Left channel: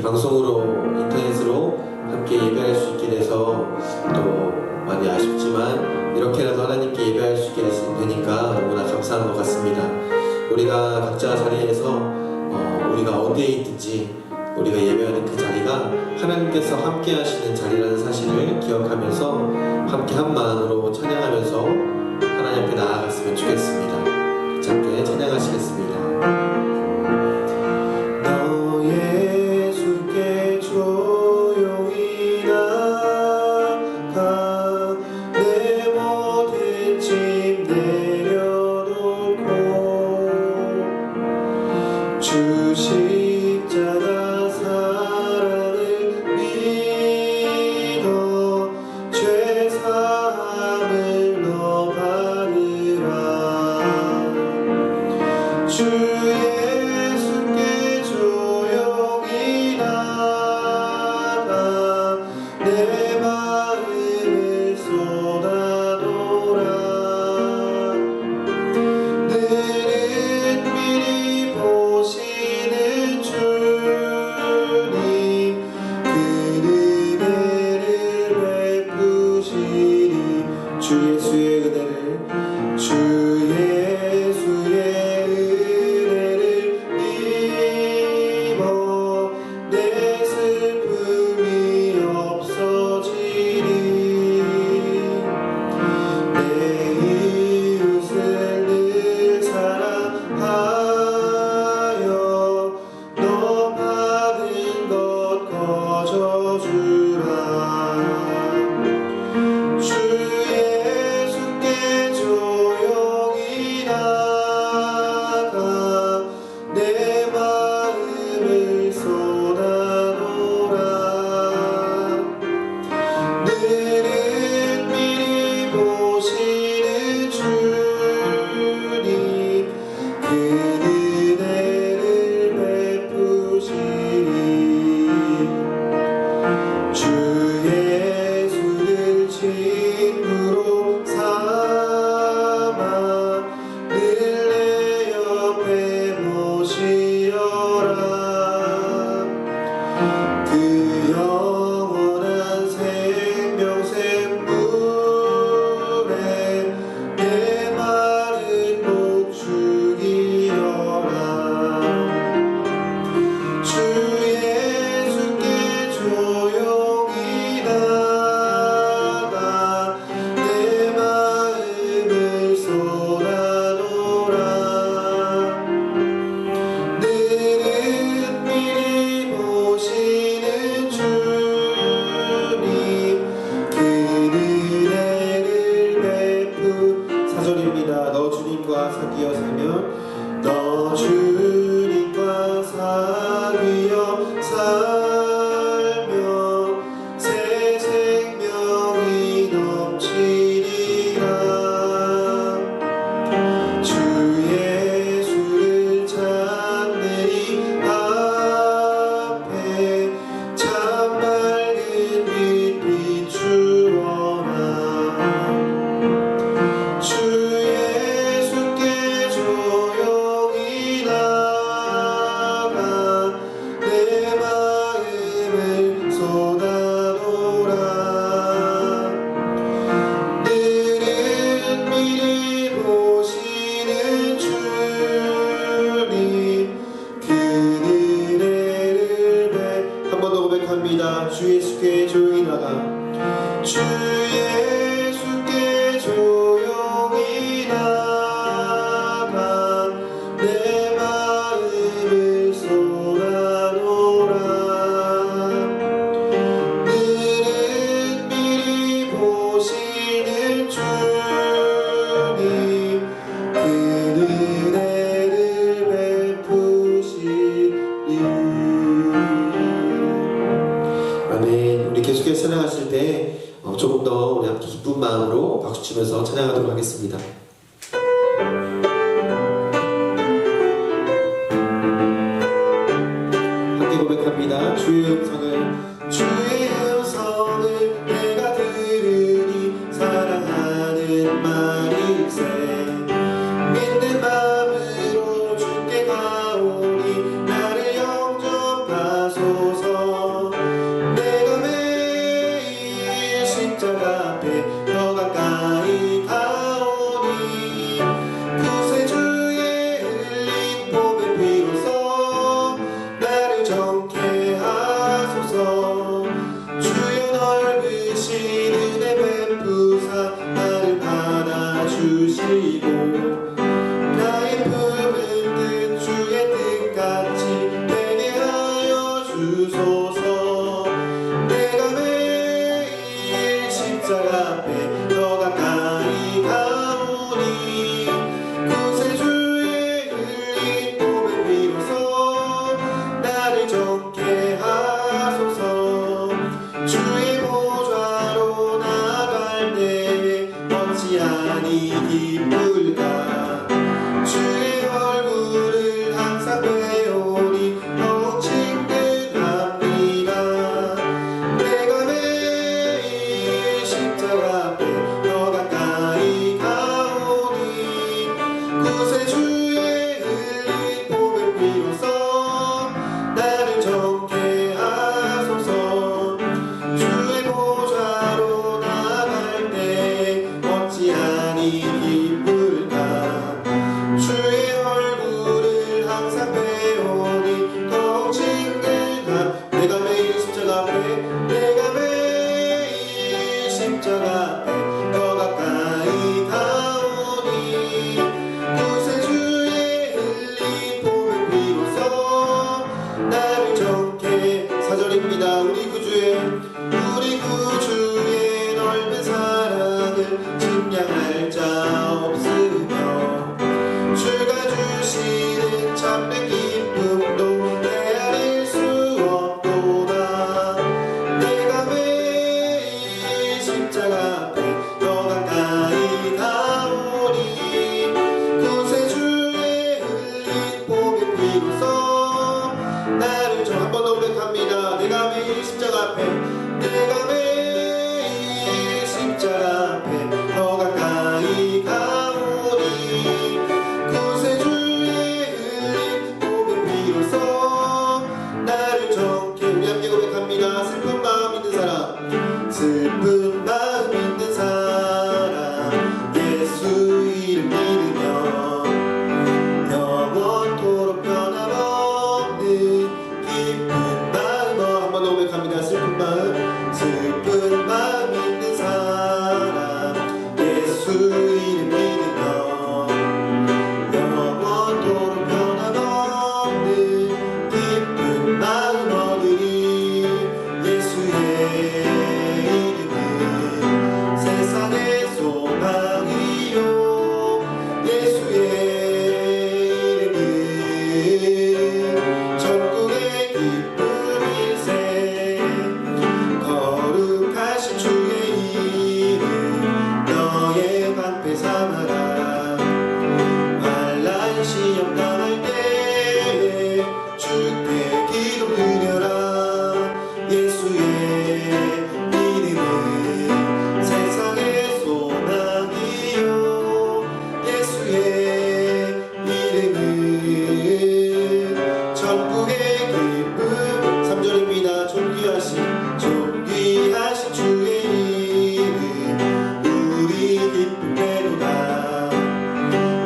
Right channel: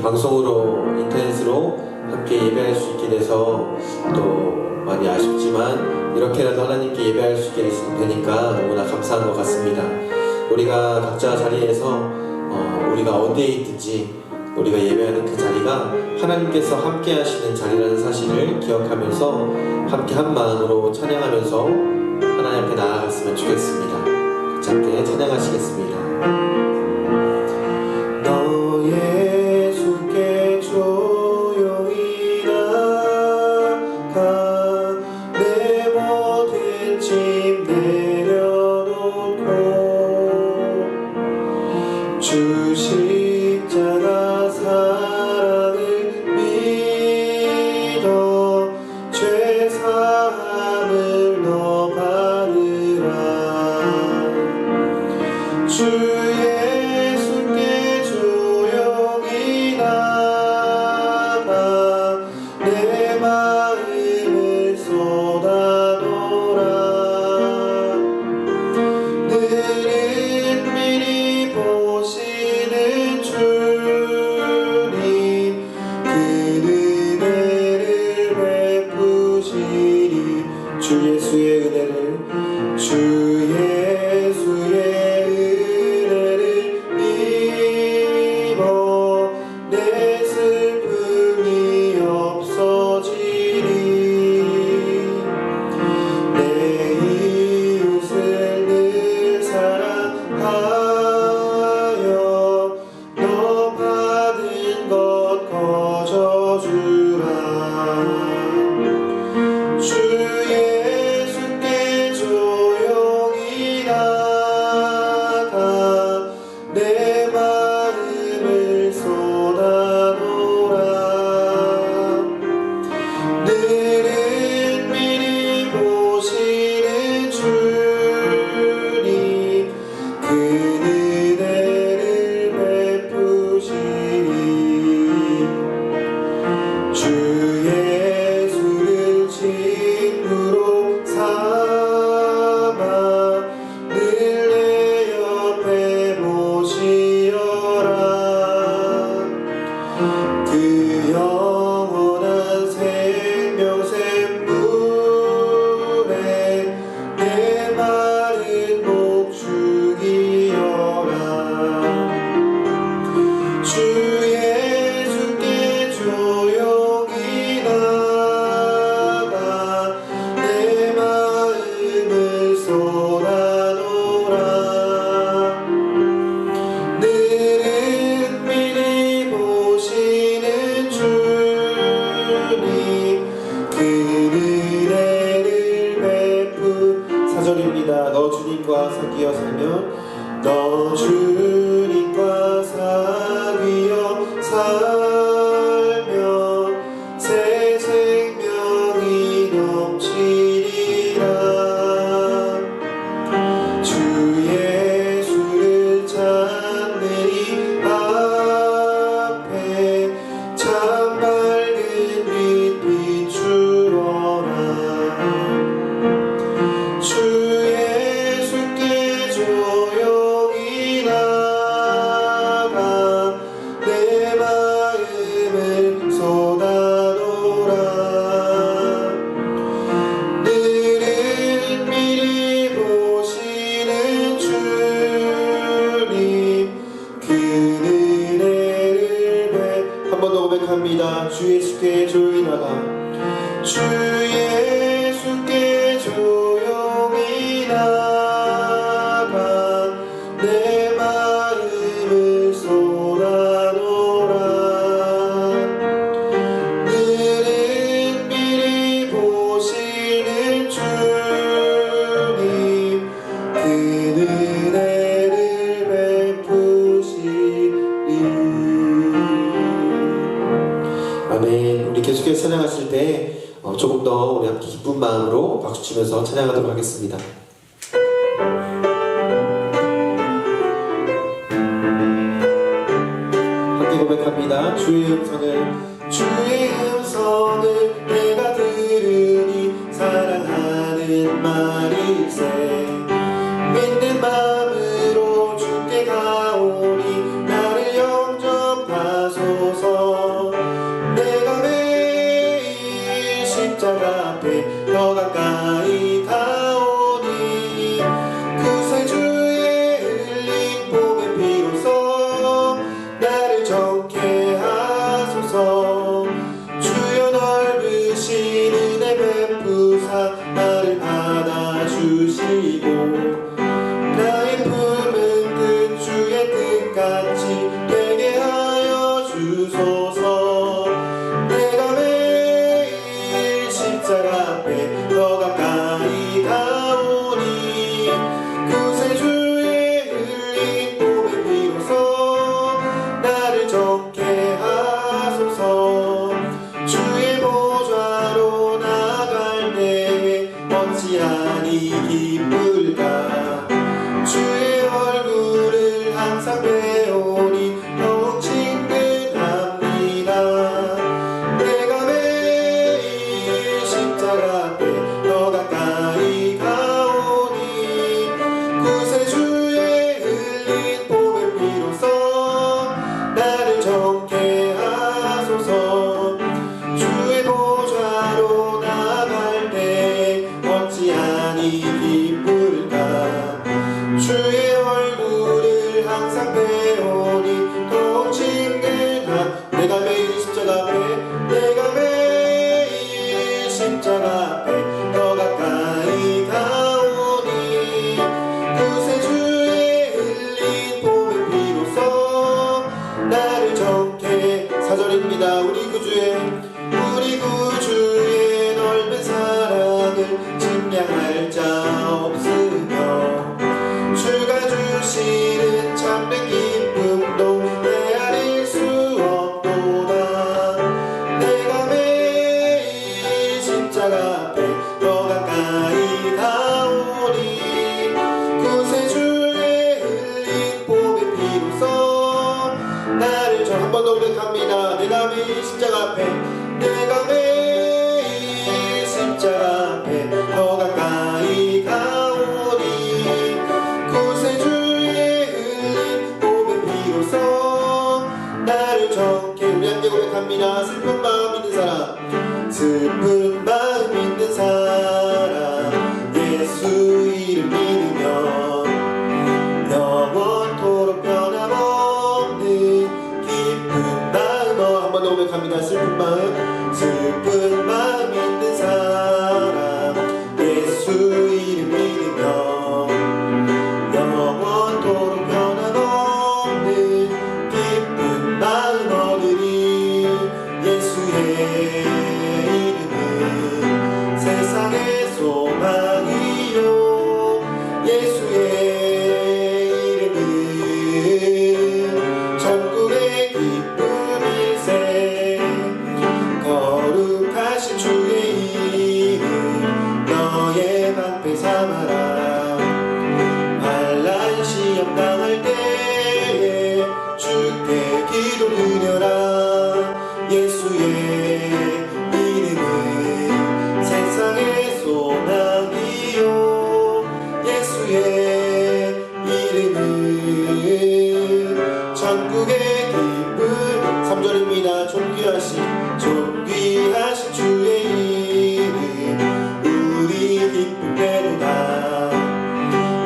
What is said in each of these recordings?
이렇게 방송으로 인터넷으로 함께 예배할 수 있게 돼서 또 많이 아쉽지만 이렇게라도 하나님께 예배할 수 있게 되니까 너무나 감사한 것 같습니다. 우리가 각자 자리에서 우리가 어디에 있든지 우리가 예배하는 그 자리가 하나님께서 함께 하시는 자리라는 사실을 기억하면서 함께 한 마음으로 찬양하면서 하나님 앞에 나아갔으면 좋겠습니다. 함께 찬양하시겠습니다. 너의 손께 조용히 나가 내 모든 짐 내려놓고 주 십자가 사랑을 믿어 죄 사함을 너 받으라. 주 예수께 조용히 나가 내 마음을 쏟아놓으라. 너는 미리 보시는 주님 그 은혜를 베푸시니 주 예수의 은혜를 주 예수의 은혜를 입어 내 슬픔이 없어지리. 내 이웃을 늘 사랑하여 너 받은 것 거저주라. 주 예수께 조용히 나가 내 마음을 쏟아놓으라. 너는 미리 보시는 주님 그 은혜를 베푸시니 주 예수를 친구로 삼아 늘 내 옆에 모시어라. 그 영원한 생명샘 물에 내 마른 목 죽이어라. 주 예수께 조용히 나가 내 마음을 쏟아놓으라. 너는 미리 보시는 주님 그 은혜를 베푼 사절입니다. 너 주님과 사귀어 살며 너 주님과 사귀어 살며 새 생명이 넘치리라. 주 예수를 찾는 이 앞에 참 밝은 빛 비추어라. 주 예수께 조용히 나가 내 마음을 쏟아놓으라. 너는 미리 보시는 주님 그 은혜를 한 번 더 고백합니다. 주 예수께 조용히 나가 주 예수께 조용히 나가 내 마음을 쏟아놓으라. 너는 미리 보시는 주님 그 은혜를 베푸시니. 아멘. 우리 계속해서 찬양하실 때 조금 더 우리 함께 기쁜 마음으로 박수 치면서 찬양하도록 하겠습니다. 함께 고백합니다. 주의 음성을 내가 들으니 사랑하는 말일세. 믿는 마음으로 주께 가오니 나를 영접하소서. 내가 매일 십자가 앞에 더 가까이 가오니 구세주의 흘린 보혈 비로소 나를 정케. 4절입니다. 우리 구주의 넓은 사랑을 증량할 자 없으며 주가 주시는 참된 기쁨도 헤아릴 수 없도다. 내가 매일 십자가 앞에 더 가까이 가오니 구세주의 흘린 보혈 비로소 나를 저 한 번 더 고백합니다. 내가 매일 십자가 앞에 십자가 앞에 더 가까이 가오니 구세주의 흘린 보혈 비로소 나를 정케. 우리 함께 고백합니다. 슬픈 마음 있는 사람, 슬픈 마음 있는 사람, 예수 이름 믿으며 영원토록 변함없는 기쁜 마음. 한 번 더 고백합니다. 슬픈 마음 있는 사람, 예수 이름 믿으며 영원토록 변함없는 기쁜 마음 얻으리. 예수의 이름은 세상의 소망이요 예수의 이름은 천국의 기쁨일세. 거룩하신 주의 이름 너의 방패 삼아라. 환난 시험 당할 때에 주께 기도 드려라. 예수의 이름은 세상의 소망이요 예수의 이름은 천국의 기쁨. 3절입니다. 존귀하신 주의 이름 우리 기쁨 되리라.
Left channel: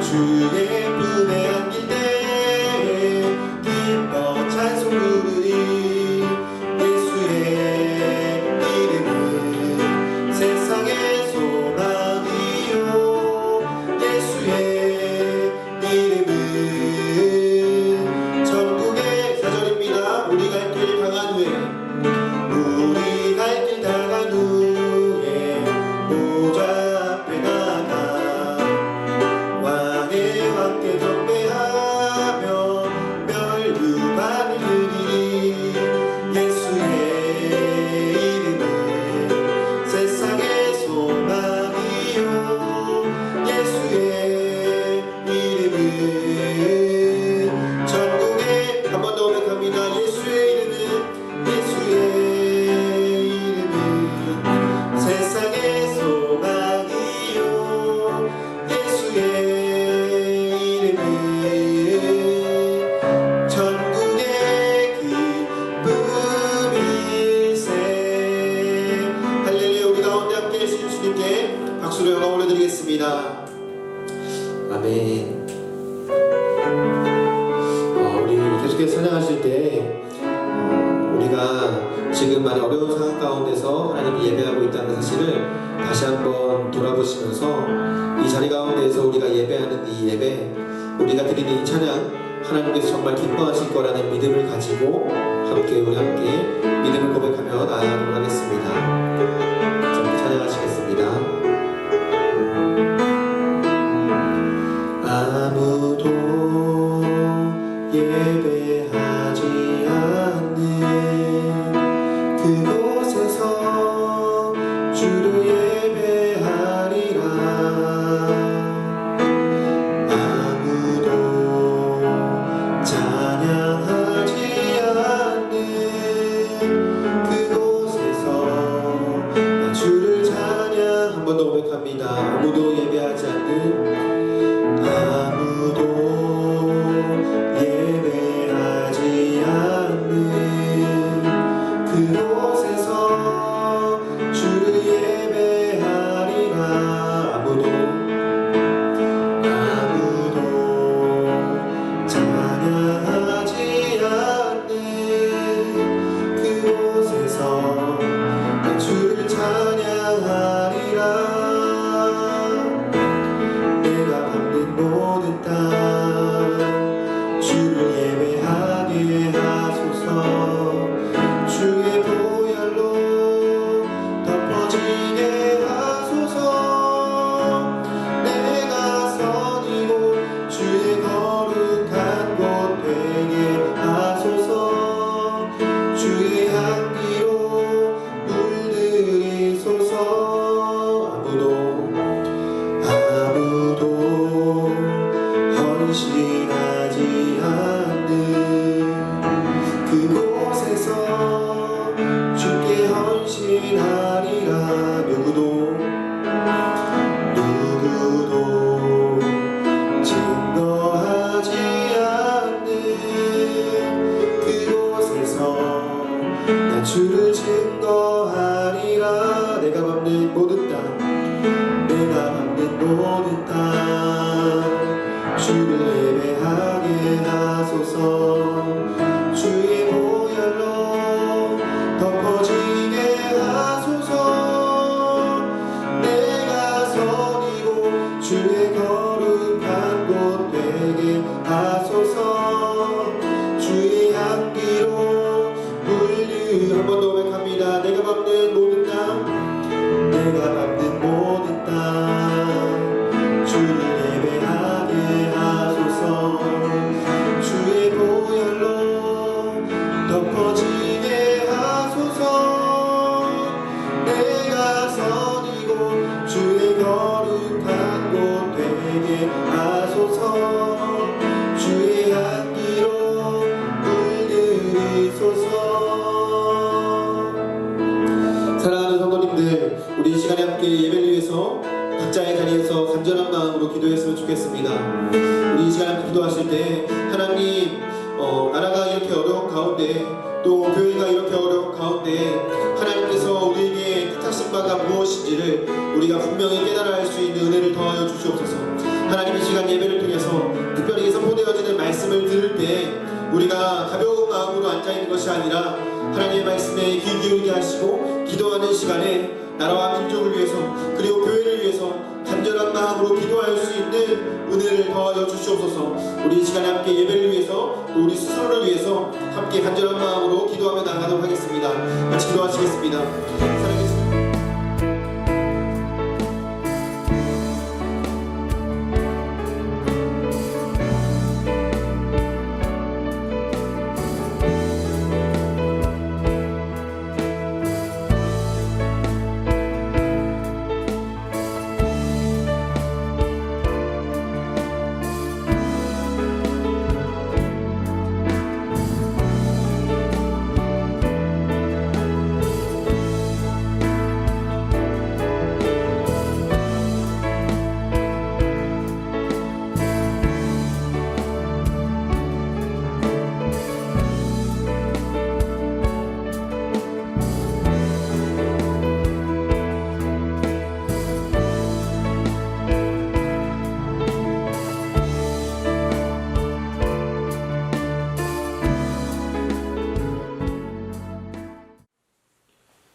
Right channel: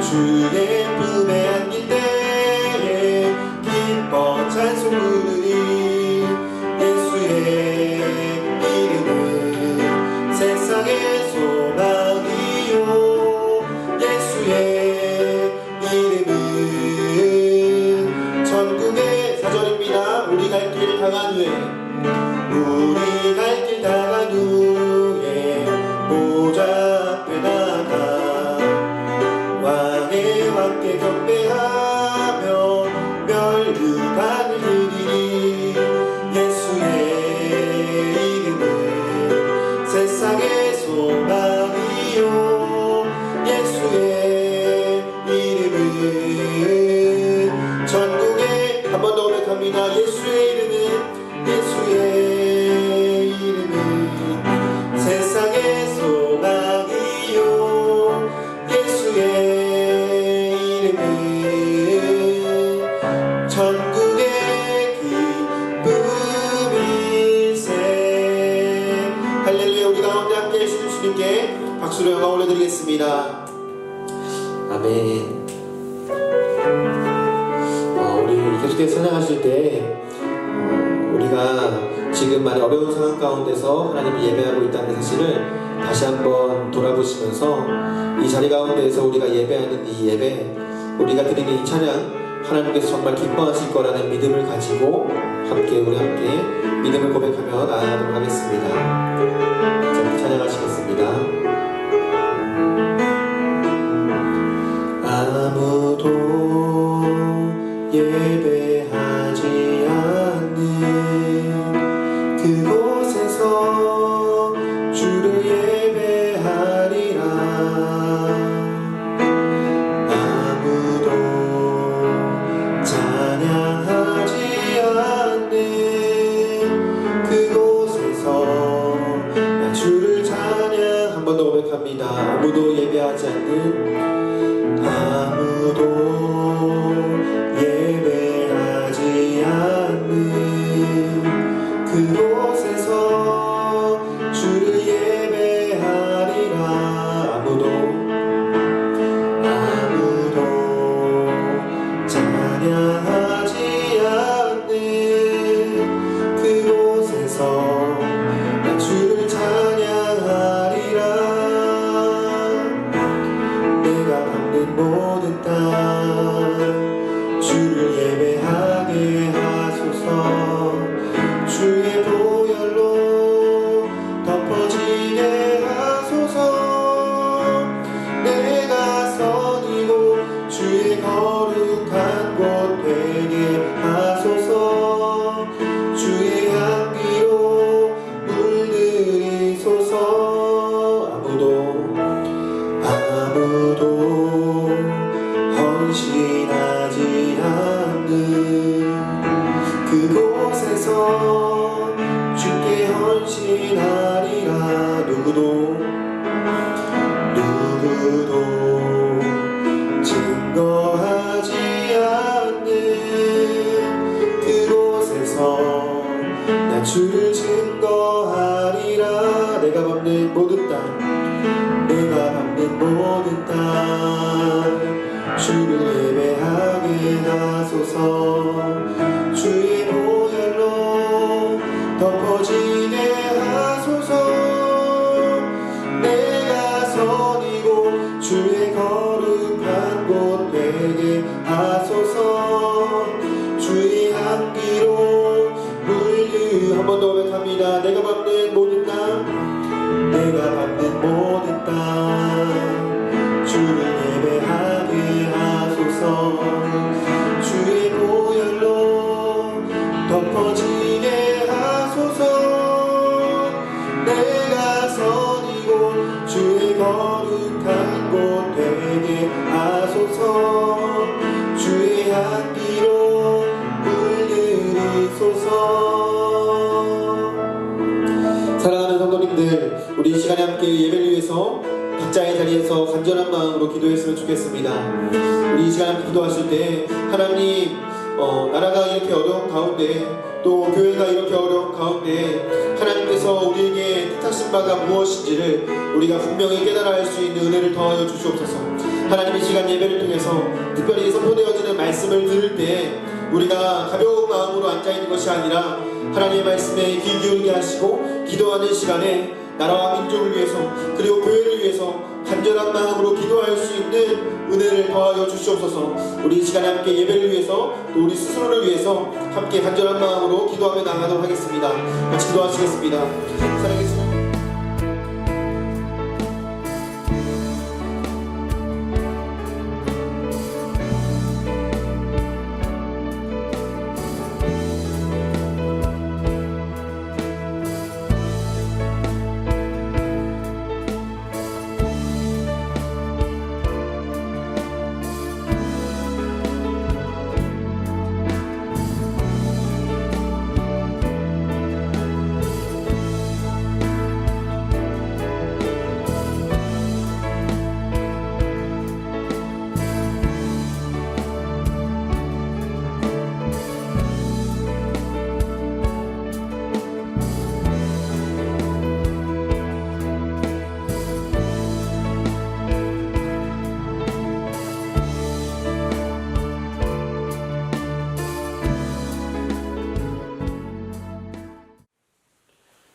주의 품에 안길 때에 기뻐 찬송 부르리. 예수의 이름은 세상의 소망이요 예수의 이름은 천국의. 4절입니다. 우리 갈 길 당한 후에 보좌 앞에 나가 왕의 왕께 경배하며 멸류관을 드리리. 예수의 이름은 세상의 소망이요 예수의 이름은 천국의. 한 번 더 고백합니다. 예수의 이름은 세상의 소망이요 예수의 이름은 천국의 기쁨일세. 할렐루야. 우리 가운데 함께 해주신 주님께 박수를 영광 올려드리겠습니다. 아멘. 우리 계속해서 찬양하실 때 우리가 지금 많이 어려운 상황 가운데서 하나님 예배하고 있다는 사실을 다시 한번 돌아보시면서 이 자리 가운데에서 우리가 예배하는 이 예배, 우리가 드리는 이 찬양 하나님께서 정말 기뻐하실 거라는 믿음을 가지고 우리 함께 믿음을 고백하며 나아가도록 하겠습니다. 자, 찬양하시겠습니다. 아무도 예배하지 않는 그곳에서 주를 예배하리라. 아무도 찬양하지 않는 그곳에서 나 주를 찬양. 한 번 더 고백합니다. 아무도 예배하지 않는, 아무도 예배하지 않는 그곳에서 우리가 내가 밟는 모든 땅, 내가 밟는 모든 땅, 주를 예배하게 하소서. 주의 보혈로 덮어지게 하소서. 내가 선이고 주의 거룩한 곳 되게 하소서. 주의 향기로 물들이소서. 사랑하는 성도님들, 우리 이 시간에 함께 예배를 위해서 각자의 자리에서 간절한 마음으로 기도했으면 좋겠습니다. 우리 이 시간에 기도하실 때 하나님, 나라가 이렇게 어려운 가운데, 또 교회가 이렇게 어려운 가운데 하나님께서 우리에게 뜻하신 바가 무엇인지를 우리가 분명히 깨달아 알 수 있는 은혜를 더하여 주시옵소서. 하나님, 이 시간 예배를 통해서 특별히 선포되어지는 말씀을 들을 때 우리가 가벼운 마음으로 앉아있는 것이 아니라 하나님의 말씀에 귀 기울게 하시고 기도하는 시간에 나라와 민족을 위해서, 그리고 교회를 위해서 간절한 마음으로 기도할 수 있는 은혜를 더하여 주시옵소서. 우리 이 시간에 함께 예배를 위해서, 또 우리 스스로를 위해서 함께 간절한 마음으로 기도하며 나가도록 하겠습니다. 같이 기도하시겠습니다. 사랑해주세요.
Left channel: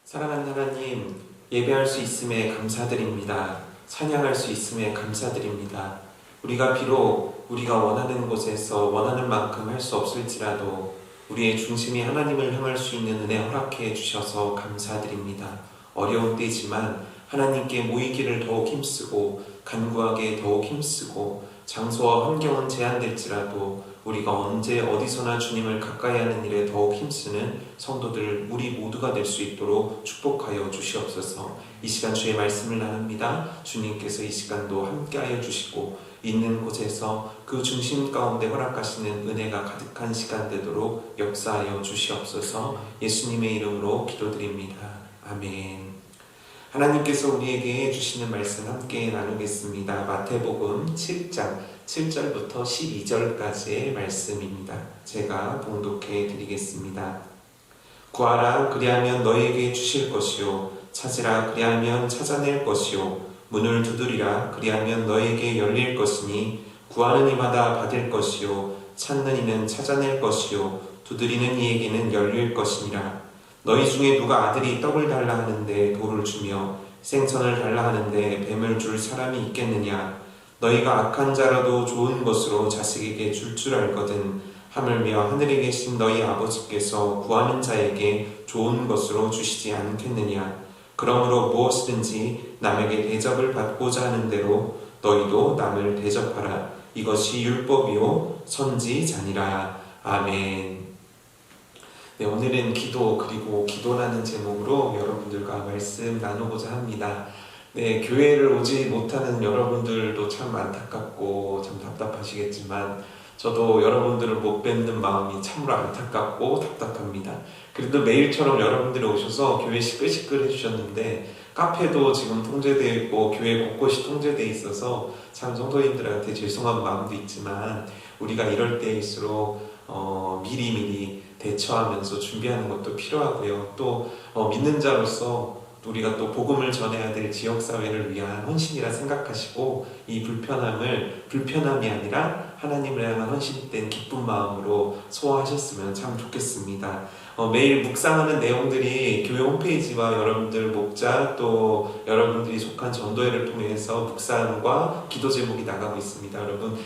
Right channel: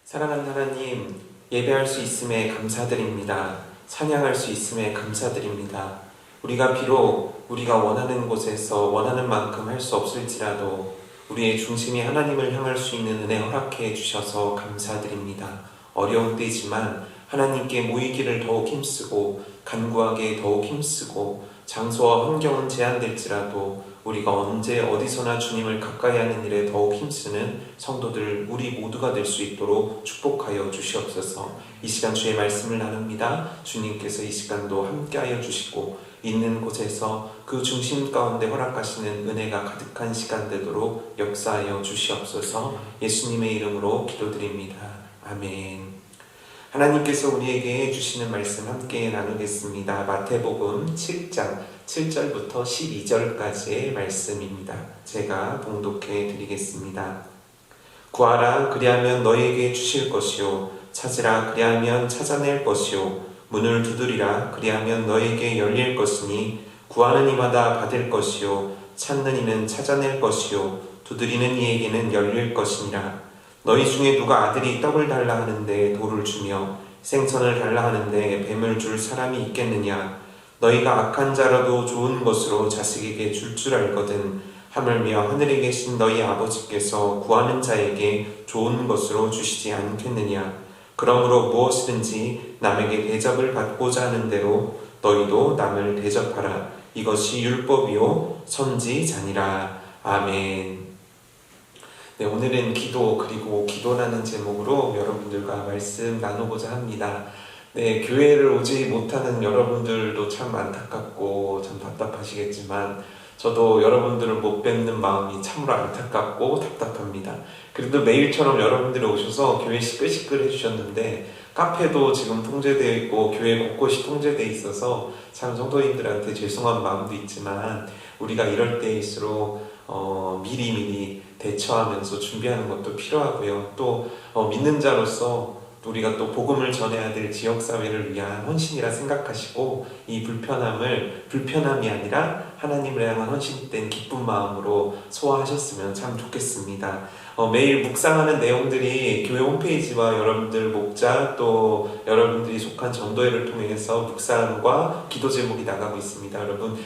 사랑하는 하나님, 예배할 수 있음에 감사드립니다. 찬양할 수 있음에 감사드립니다. 우리가 비록 우리가 원하는 곳에서 원하는 만큼 할 수 없을지라도 우리의 중심이 하나님을 향할 수 있는 은혜 허락해 주셔서 감사드립니다. 어려운 때지만 하나님께 모이기를 더욱 힘쓰고 간구하게 더욱 힘쓰고 장소와 환경은 제한될지라도 우리가 언제 어디서나 주님을 가까이 하는 일에 더욱 힘쓰는 성도들 우리 모두가 될 수 있도록 축복하여 주시옵소서. 이 시간 주의 말씀을 나눕니다. 주님께서 이 시간도 함께하여 주시고 있는 곳에서 그 중심 가운데 허락하시는 은혜가 가득한 시간 되도록 역사하여 주시옵소서. 예수님의 이름으로 기도드립니다. 아멘. 하나님께서 우리에게 주시는 말씀 함께 나누겠습니다. 마태복음 7장 7절부터 12절까지의 말씀입니다. 제가 봉독해 드리겠습니다. 구하라, 그리하면 너희에게 주실 것이요, 찾으라, 그리하면 찾아낼 것이요, 문을 두드리라, 그리하면 너희에게 열릴 것이니 구하는 이마다 받을 것이요, 찾는 이는 찾아낼 것이요, 두드리는 이에게는 열릴 것이니라. 너희 중에 누가 아들이 떡을 달라 하는데 돌을 주며 생선을 달라 하는데 뱀을 줄 사람이 있겠느냐? 너희가 악한 자라도 좋은 것으로 자식에게 줄 알거든 하물며 하늘에 계신 너희 아버지께서 구하는 자에게 좋은 것으로 주시지 않겠느냐? 그러므로 무엇이든지 남에게 대접을 받고자 하는 대로 너희도 남을 대접하라. 이것이 율법이요 선지자니라. 아멘. 네, 오늘은 기도 그리고 기도라는 제목으로 여러분들과 말씀 나누고자 합니다. 네, 교회를 오지 못하는 여러분들도 참 안타깝고 참 답답하시겠지만 저도 여러분들을 못 뵙는 마음이 참으로 안타깝고 답답합니다. 그래도 매일처럼 여러분들이 오셔서 교회 시끌시끌 해주셨는데 카페도 지금 통제되어 있고 교회 곳곳이 통제되어 있어서 참 성도님들한테 죄송한 마음도 있지만 우리가 이럴 때일수록 미리미리 대처하면서 준비하는 것도 필요하고요. 또 믿는 자로서 우리가 또 복음을 전해야 될 지역사회를 위한 헌신이라 생각하시고 이 불편함이 아니라 하나님을 향한 헌신된 기쁜 마음으로 소화하셨으면 참 좋겠습니다. 매일 묵상하는 내용들이 교회 홈페이지와 여러분들 목자 또 여러분들이 속한 전도회를 통해서 묵상과 기도 제목이 나가고 있습니다. 여러분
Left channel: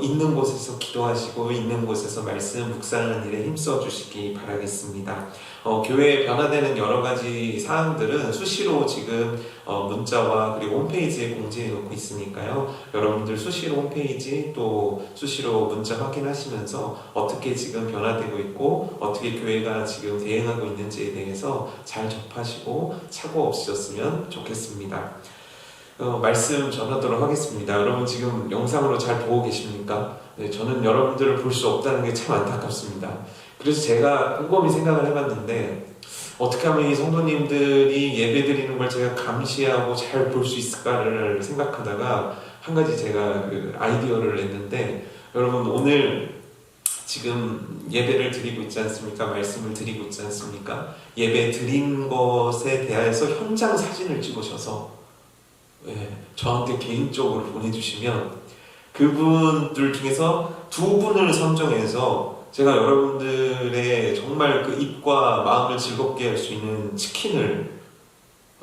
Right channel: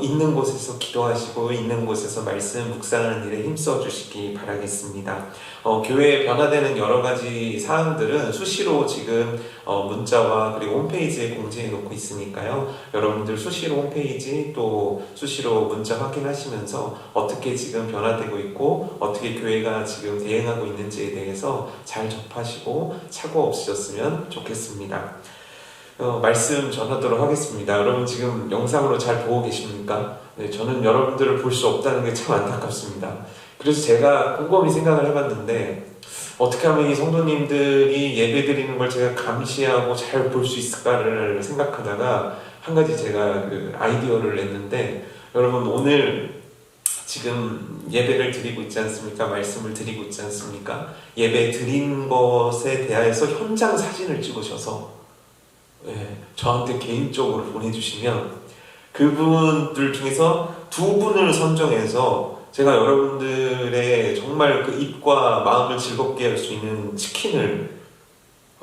있는 곳에서 기도하시고 있는 곳에서 말씀 묵상하는 일에 힘써 주시기 바라겠습니다. 교회에 변화되는 여러 가지 사항들은 수시로 지금 문자와 그리고 홈페이지에 공지해 놓고 있으니까요. 여러분들 수시로 홈페이지 또 수시로 문자 확인하시면서 어떻게 지금 변화되고 있고 어떻게 교회가 지금 대응하고 있는지에 대해서 잘 접하시고 착오 없으셨으면 좋겠습니다. 말씀 전하도록 하겠습니다. 여러분 지금 영상으로 잘 보고 계십니까? 네, 저는 여러분들을 볼 수 없다는 게 참 안타깝습니다. 그래서 제가 곰곰이 생각을 해봤는데 어떻게 하면 이 성도님들이 예배드리는 걸 제가 감시하고 잘 볼 수 있을까를 생각하다가 한 가지 제가 아이디어를 냈는데 여러분 오늘 지금 예배를 드리고 있지 않습니까? 말씀을 드리고 있지 않습니까? 예배 드린 것에 대해서 현장 사진을 찍으셔서 저한테 개인적으로 보내주시면 그분들 중에서 2분을 선정해서 제가 여러분들의 정말 그 입과 마음을 즐겁게 할 수 있는 치킨을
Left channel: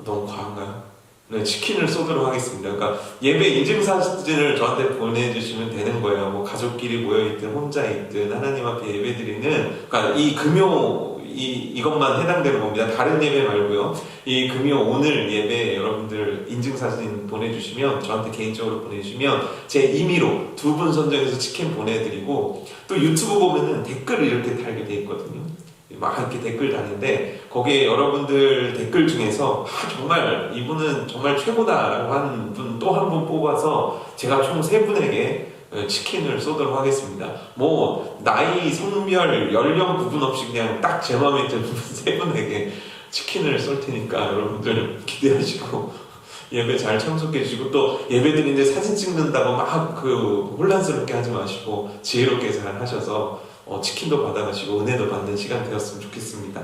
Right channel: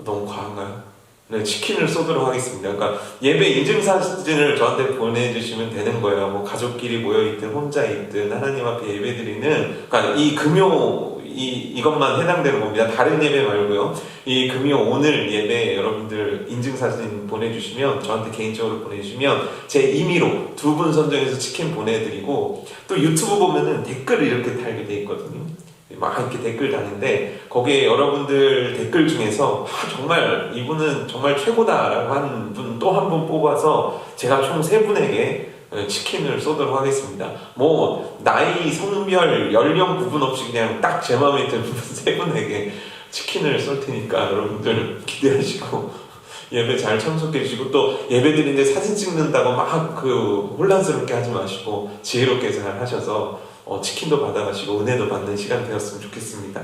너무 과한가요? 네, 치킨을 쏘도록 하겠습니다. 그러니까 예배 인증사진을 저한테 보내주시면 되는 거예요. 뭐 가족끼리 모여있든 혼자 있든 하나님 앞에 예배드리는 그러니까 이 금요 이것만 해당되는 겁니다. 다른 예배 말고요. 이 금요 오늘 예배 여러분들 인증사진 보내주시면 저한테 개인적으로 보내주시면 제 임의로 2분 선정해서 치킨 보내드리고 또 유튜브 보면은 댓글을 이렇게 달게 돼 있거든요. 막 이렇게 댓글 다는데 거기에 여러분들 댓글 중에서 정말 이분은 정말 최고다라고 하는 분 또 한 분 뽑아서 제가 총 3분에게 치킨을 쏘도록 하겠습니다. 뭐 나이, 성별, 연령 구분 없이 그냥 딱 제 마음에 드는 3분에게 치킨을 쏠 테니까 여러분들 기대하시고 예배 잘 참석해 주시고 또 예배 드리는데 사진 찍는다고 막 혼란스럽게 하지 마시고 지혜롭게 잘 하셔서 치킨도 받아가시고 은혜도 받는 시간 되었으면 좋겠습니다.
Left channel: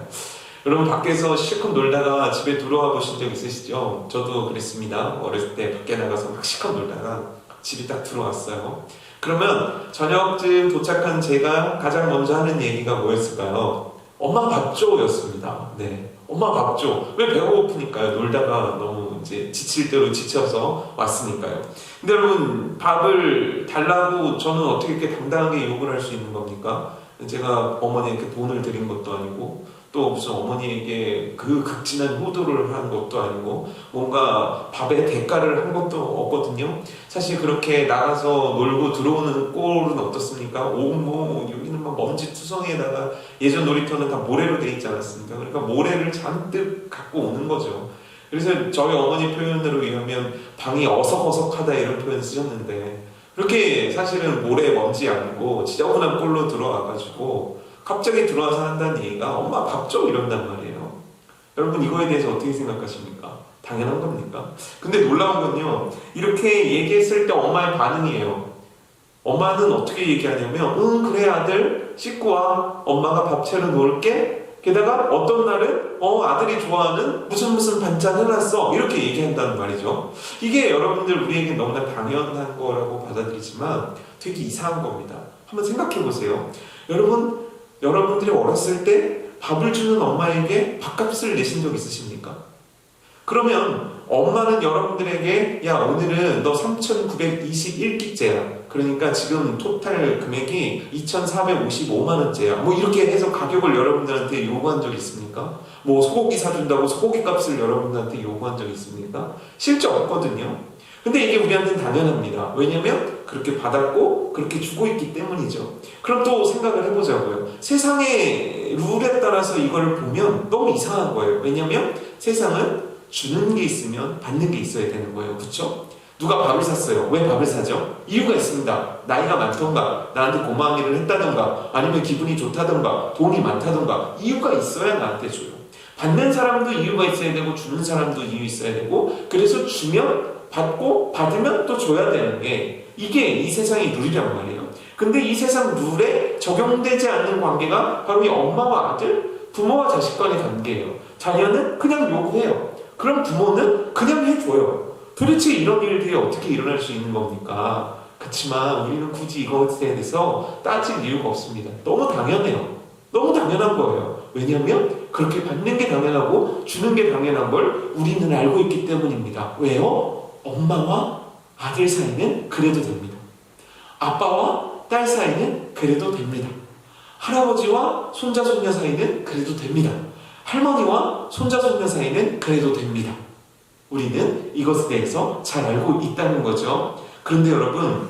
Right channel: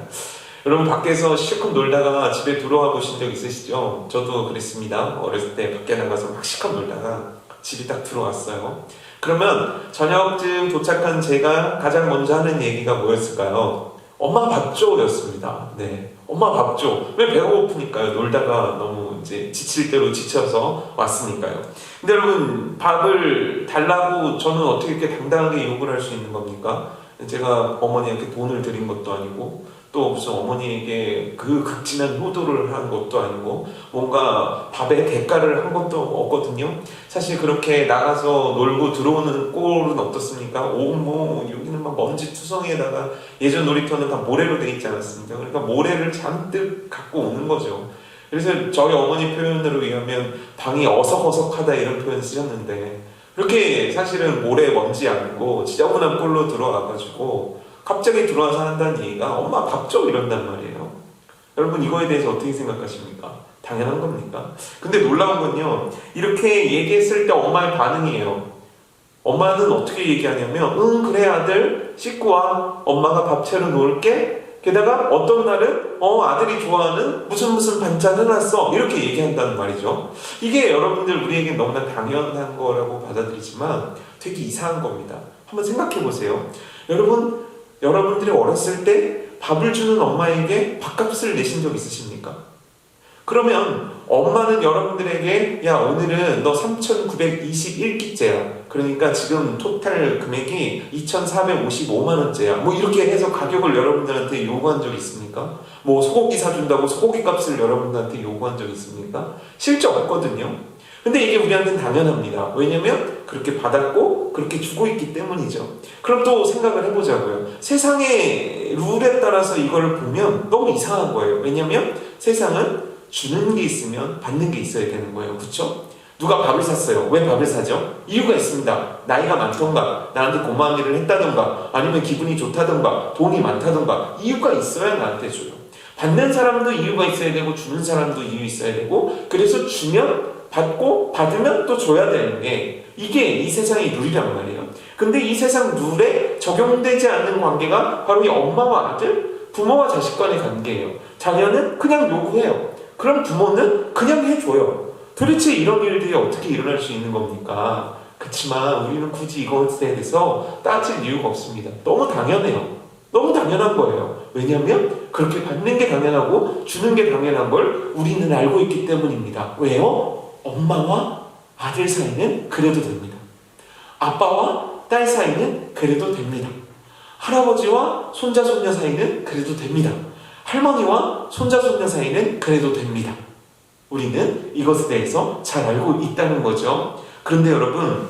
여러분 밖에서 실컷 놀다가 집에 들어와 보신 적 있으시죠? 저도 그랬습니다. 어렸을 때 밖에 나가서 막 실컷 놀다가 집에 딱 들어왔어요. 그러면 저녁쯤 도착한 제가 가장 먼저 하는 얘기가 뭐였을까요? 엄마 밥 줘 였습니다. 네, 엄마 밥 줘. 왜 배가 고프니까요. 놀다가 너무 이제 지칠 대로 지쳐서 왔으니까요. 근데 여러분 밥을 달라고 저는 어떻게 이렇게 당당하게 요구를 할 수 있는 겁니까? 제가 어머니한테 돈을 드린 것도 아니고 또 무슨 어머니에게 그 극진한 효도를 한 것도 아니고 뭔가 밥에 대가를 한 것도 없거든요. 사실 그렇게 나가서 놀고 들어오는 꼴은 어떻습니까? 여기는 막 먼지 투성이에다가 예전 놀이터는 다 모래로 돼 있지 않았습니까? 그러니까 모래를 잔뜩 갖고 오는 거죠. 그래서 저희 어머니 표현으로 의하면 방이 어석어석하다 이런 표현 쓰셨는데 그렇게 사실은 모래 먼지 아니고 지저분한 꼴로 들어와가지고 갑자기 들어와서 한다는 얘기가 엄마 밥 줘 이런단 말이에요. 여러분 이거에 대해서 어떻게 생각하십니까? 당연한 겁니까? 근데 놀라운 건요 이렇게 얘기했을 때 엄마의 반응이에요. 엄마는 어떻게 얘기하냐면 그래 아들 씻고 와 엄마가 밥 차려 놓을게. 게다가 어떤 날은 아들이 좋아하는 무슨 반찬 해놨어 이렇게 얘기한다는 말이죠. 이게 여러분들 우리에게 너무나 당연한 거라고 받아들이지만 되게 이상한 겁니다. 한번 생각해 보세요. 여러분들이 어렸을 때 밥을 주는 엄마에게 밥값을 내신 적 있으십니까? 그러면 엄마는 여러분들에게 야 오늘은 너 3,921끼째야. 그러니까 지금 토탈 금액이 2,455만원째야. 뭐 이렇게 해서 가격을 여러분들한테 요구한 적 있습니까? 뭐 소고기 사준다고 소고기 값을 여러분들한테 요구한 적 있습니까? 실제 없거든요. 근데 이게 우리한테는 당연합니다. 왜냐면 그렇게 받았고 그렇게 주고 있기 때문이죠. 그럼 또 생각을 해보자고요. 세상의 룰에 따라서 이걸 보면 너무 이상한 거예요. 왜냐면 세상은 주는 게 있으면 받는 게 있어야 되는 거예요. 그렇죠? 누가 밥을 샀어요. 왜 밥을 사죠? 이유가 있습니다. 나이가 많던가, 나한테 고마운 일을 했다던가, 아니면 기분이 좋다던가, 돈이 많다던가, 이유가 있어야 나한테 줘요. 받는 사람도 이유가 있어야 되고, 주는 사람도 이유 있어야 되고, 그래서 주면 받고, 받으면 또 줘야 되는 게, 이게 이 세상의 룰이란 말이에요. 근데 이 세상 룰에 적용되지 않는 관계가 바로 이 엄마와 아들, 부모와 자식 간의 관계예요. 자녀는 그냥 요구해요. 그럼 부모는 그냥 해줘요. 도대체 이런 일들이 어떻게 일어날 수 있는 겁니까? 그렇지만 우리는 굳이 이것에 대해서 따질 이유가 없습니다. 너무 당연해요. 너무 당연한 거예요. 왜냐하면 그렇게 받는 게 당연하고 주는 게 당연한 걸 우리는 알고 있기 때문입니다. 왜요? 엄마와 아들 사이는 그래도 됩니다. 아빠와 딸 사이는 그래도 됩니다. 할아버지와 손자 손녀 사이는 그래도 됩니다. 할머니와 손자 손녀 사이는 그래도 됩니다. 우리는 이것에 대해서 잘 알고 있다는 거죠. 그런데 여러분,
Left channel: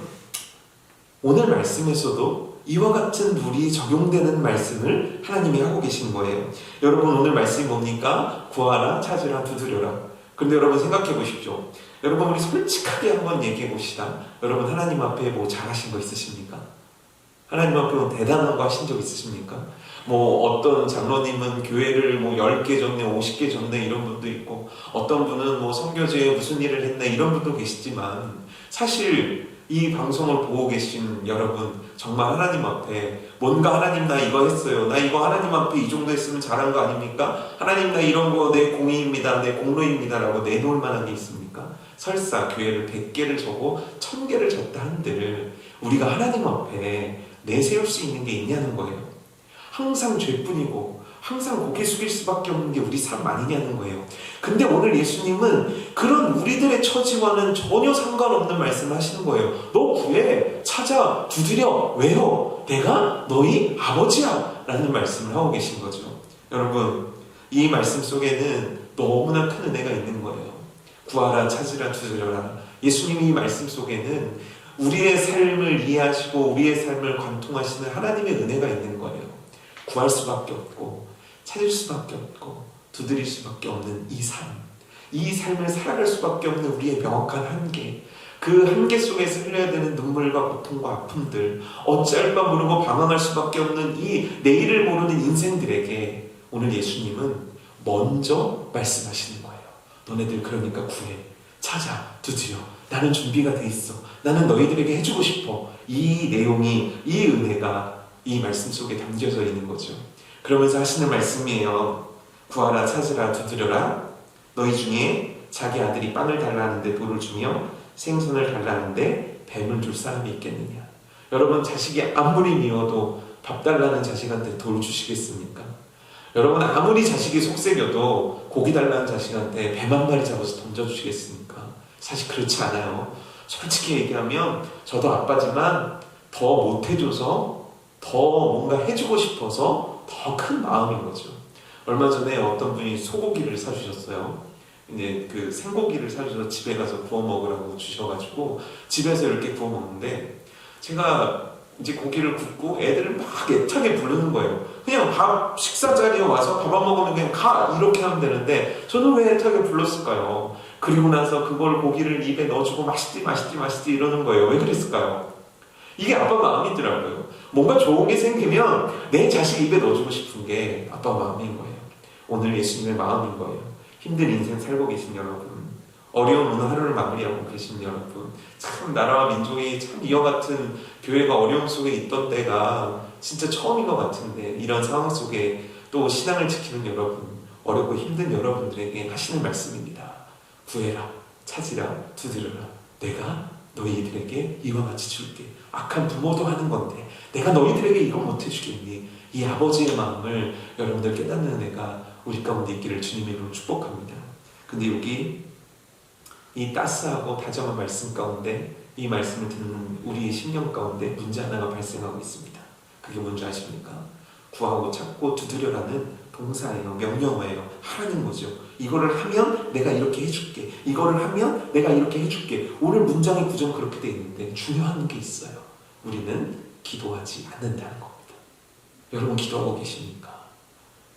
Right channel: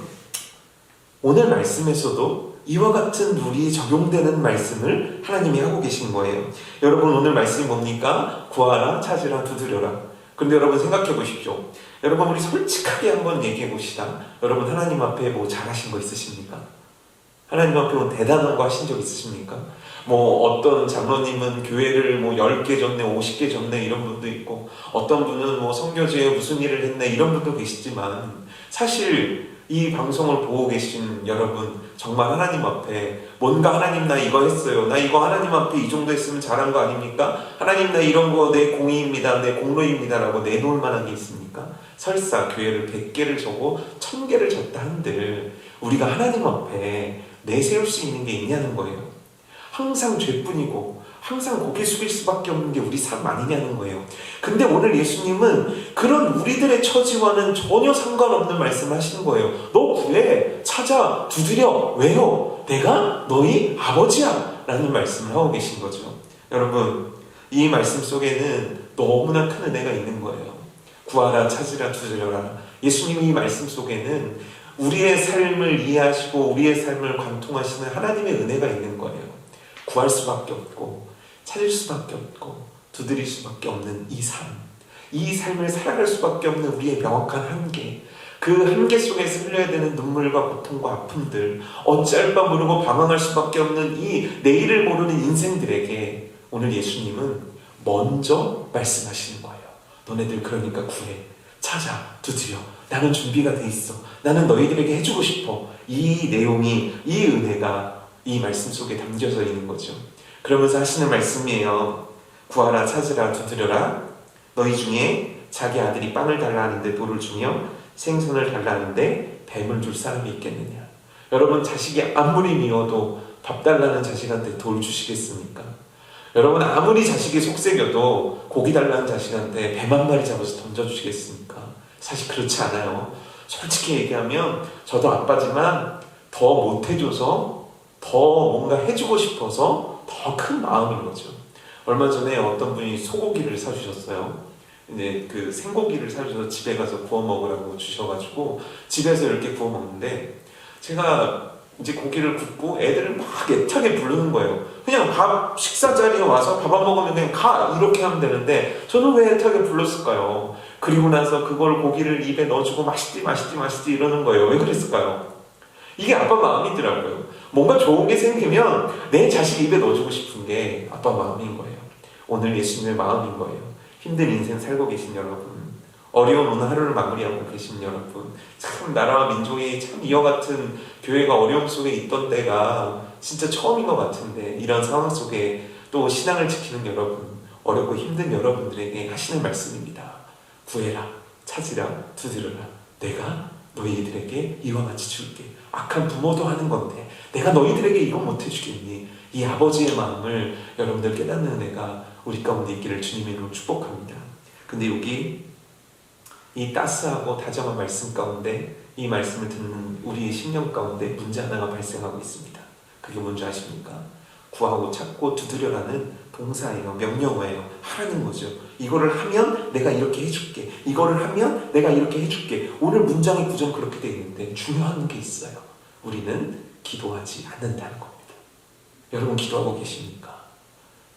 오늘 말씀에서도 이와 같은 룰이 적용되는 말씀을 하나님이 하고 계신 거예요. 여러분, 오늘 말씀이 뭡니까? 구하라, 찾으라, 두드려라. 그런데 여러분 생각해 보십시오. 여러분, 우리 솔직하게 한번 얘기해 봅시다. 여러분, 하나님 앞에 뭐 잘하신 거 있으십니까? 하나님 앞에 뭐 대단한 거 하신 적 있으십니까? 뭐 어떤 장로님은 교회를 뭐 10개 졌네, 50개 졌네 이런 분도 있고, 어떤 분은 뭐 선교지에 무슨 일을 했네 이런 분도 계시지만, 사실 이 방송을 보고 계신 여러분, 정말 하나님 앞에 뭔가 하나님 나 이거 했어요, 나 이거 하나님 앞에 이 정도 했으면 잘한 거 아닙니까? 하나님 나 이런 거 내 공의입니다, 내 공로입니다 라고 내놓을 만한 게 있습니까? 설사 교회를 100개를 져고 1000개를 졌다 한들 우리가 하나님 앞에 내세울 수 있는 게 있냐는 거예요. 항상 죄뿐이고 항상 고개 숙일 수밖에 없는 게 우리 삶 아니냐는 거예요. 근데 오늘 예수님은 그런 우리들의 처지와는 전혀 상관없는 말씀을 하시는 거예요. 너 구해, 찾아, 두드려. 왜요? 내가 너희 아버지야 라는 말씀을 하고 계신 거죠. 여러분, 이 말씀 속에는 너무나 큰 은혜가 있는 거예요. 구하라, 찾으라, 두드려라. 예수님이 이 말씀 속에는 우리의 삶을 이해하시고 우리의 삶을 관통하시는 하나님의 은혜가 있는 거예요. 구할 수밖에 없고 찾을 수밖에 없고 두드릴 수밖에 없는 이 삶, 이 삶을 살아갈 수밖에 없는 우리의 명확한 한계, 그 한계 속에서 흘려야 되는 눈물과 고통과 아픔들, 어찌할 바 모르고 방황할 수밖에 없는 이 내일을 모르는 인생들에게 오늘 예수님은 먼저 말씀하시는 거예요. 너네들 그러니까 구해, 찾아, 두드려. 나는 준비가 돼 있어. 나는 너희들에게 해주고 싶어. 이 내용이, 이 은혜가 이 말씀 속에 담겨져 있는 거죠. 그러면서 하시는 말씀이에요. 구하라, 찾으라, 두드려라. 너희 중에 자기 아들이 빵을 달라 하는데 돌을 주며 생선을 달라 하는데 뱀을 줄 사람이 있겠느냐. 여러분, 자식이 아무리 미워도 밥 달라는 자식한테 돌 주시겠습니까? 여러분, 아무리 자식이 속색여도 고기 달라는 자식한테 뱀 한 마리 잡아서 던져주시겠습니까? 사실 그렇지 않아요. 솔직히 얘기하면 저도 아빠지만 더 못해줘서 더 뭔가 해주고 싶어서 더 큰 마음인 거죠. 얼마 전에 어떤 분이 소고기를 사주셨어요. 근데 그 생고기를 사주셔서 집에 가서 구워 먹으라고 주셔가지고 집에서 이렇게 구워 먹는데, 제가 이제 고기를 굽고 애들을 막 애타게 부르는 거예요. 그냥 밥 식사 자리에 와서 밥 안 먹으면 그냥 가 이렇게 하면 되는데 저는 왜 애타게 불렀을까요? 그리고 나서 그걸 고기를 입에 넣어주고 맛있지 맛있지 맛있지 이러는 거예요. 왜 그랬을까요? 이게 아빠 마음이더라고요. 뭔가 좋은 게 생기면 내 자식 입에 넣어주고 싶은 게 아빠 마음인 거예요. 오늘 예수님의 마음인 거예요. 힘든 인생 살고 계신 여러분, 어려운 하루를 마무리하고 계신 여러분, 참 나라와 민족이 참 이와 같은 교회가 어려움 속에 있던 때가 진짜 처음인 것 같은데, 이런 상황 속에 또 신앙을 지키는 여러분, 어렵고 힘든 여러분들에게 하시는 말씀입니다. 구해라, 찾으라, 두드려라. 내가 너희들에게 이와 같이 줄게. 악한 부모도 하는 건데 내가 너희들에게 이거 못해주겠니? 이 아버지의 마음을 여러분들 깨닫는 은혜가 우리 가운데 있기를 주님의 이름으로 축복합니다. 근데 여기 이 따스하고 다정한 말씀 가운데, 이 말씀을 듣는 우리의 심령 가운데 문제 하나가 발생하고 있습니다. 그게 뭔지 아십니까? 구하고 찾고 두드려라는 동사예요. 명령어예요. 하라는 거죠. 이거를 하면 내가 이렇게 해줄게. 이거를 하면 내가 이렇게 해줄게. 오늘 문장의 구조는 그렇게 돼 있는데 중요한 게 있어요. 우리는 기도하지 않는다는 겁니다. 여러분, 기도하고 계십니까?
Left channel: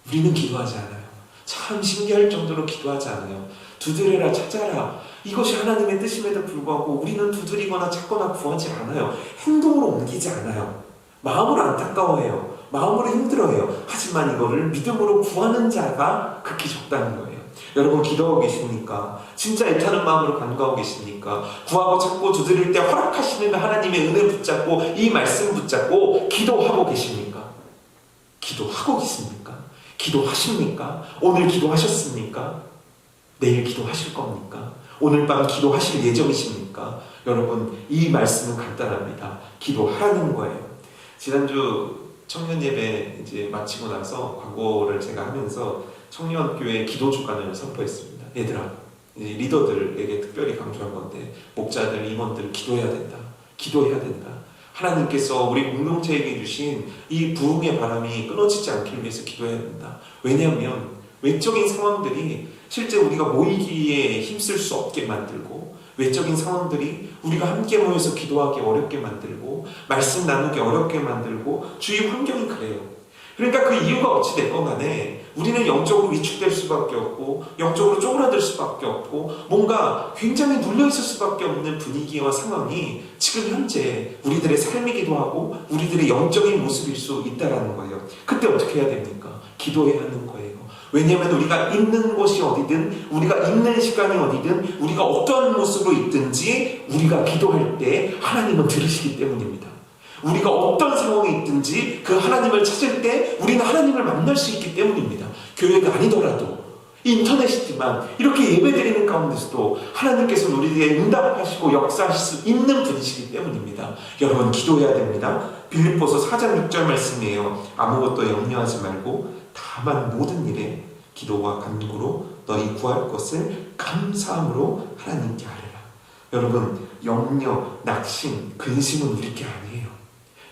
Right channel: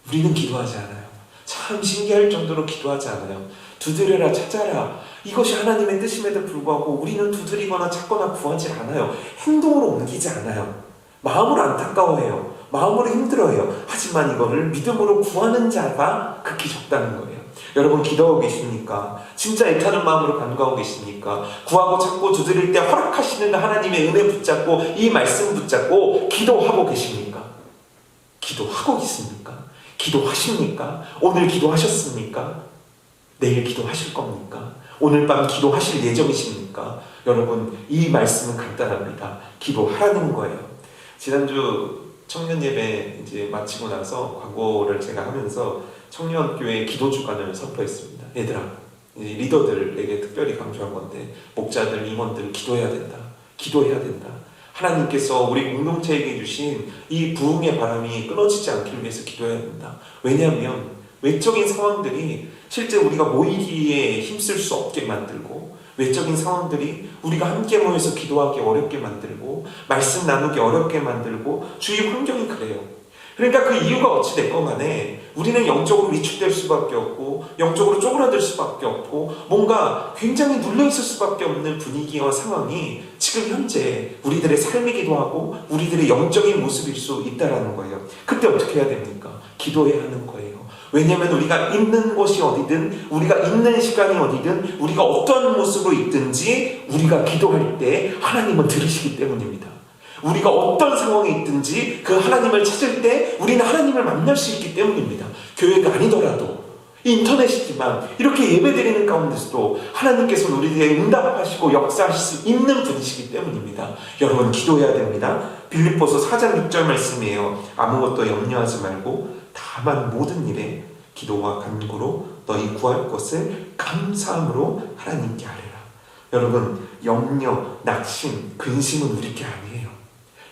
우리는 기도하지 않아요. 참 신기할 정도로 기도하지 않아요. 두드려라, 찾아라. 이것이 하나님의 뜻임에도 불구하고 우리는 두드리거나 찾거나 구하지 않아요. 행동으로 옮기지 않아요. 마음으로 안타까워해요. 마음으로 힘들어해요. 하지만 이거를 믿음으로 구하는 자가 극히 적다는 거예요. 여러분, 기도하고 계십니까? 진짜 애타는 마음으로 간구하고 계십니까? 구하고 찾고 두드릴 때 허락하시는 하나님의 은혜 붙잡고 이 말씀 붙잡고 기도하고 계십니까? 기도하고 있습니까? 기도하십니까? 오늘 기도하셨습니까? 내일 기도하실 겁니까? 오늘 밤 기도하실 예정이십니까? 여러분, 이 말씀은 간단합니다. 기도하라는 거예요. 지난주 청년 예배 이제 마치고 나서 광고를 제가 하면서 청년교회 기도 주간을 선포했습니다. 얘들아, 리더들에게 특별히 강조한 건데, 목자들, 임원들 기도해야 된다. 기도해야 된다. 하나님께서 우리 공동체에게 주신 이 부흥의 바람이 끊어지지 않기 위해서 기도해야 된다. 왜냐하면 외적인 상황들이 실제 우리가 모이기에 힘쓸 수 없게 만들고, 외적인 상황들이 우리가 함께 모여서 기도하기 어렵게 만들고, 말씀 나누기 어렵게 만들고, 주위 환경이 그래요. 그러니까 그 이유가 어찌 됐건 간에 우리는 영적으로 위축될 수밖에 없고, 영적으로 쪼그라들 수밖에 없고, 뭔가 굉장히 눌려있을 수밖에 없는 분위기와 상황이 지금 현재 우리들의 삶이기도 하고 우리들의 영적인 모습일 수 있다는 거예요. 그때 어떻게 해야 됩니까? 기도해야 하는 거예요. 왜냐하면 우리가 있는 곳이 어디든, 우리가 있는 시간이 어디든, 우리가 어떤 모습으로 있든지 우리가 기도할 때 하나님은 들으시기 때문입니다. 우리가 어떤 상황에 있든지 그 하나님을 찾을 때 우리는 하나님을 만날 수 있기 때문입니다. 교회가 아니더라도 인터넷이지만 이렇게 예배드리는 가운데서도 하나님께서는 우리에게 응답하시고 역사하실 수 있는 분이시기 때문입니다. 여러분, 기도해야 됩니다. 빌립보서 4장 6절 말씀이에요. 아무것도 염려하지 말고 다만 모든 일에 기도와 간구로 너희 구할 것을 감사함으로 하나님께 아뢰라. 여러분, 염려, 낙심, 근심은 우리 게 아니에요.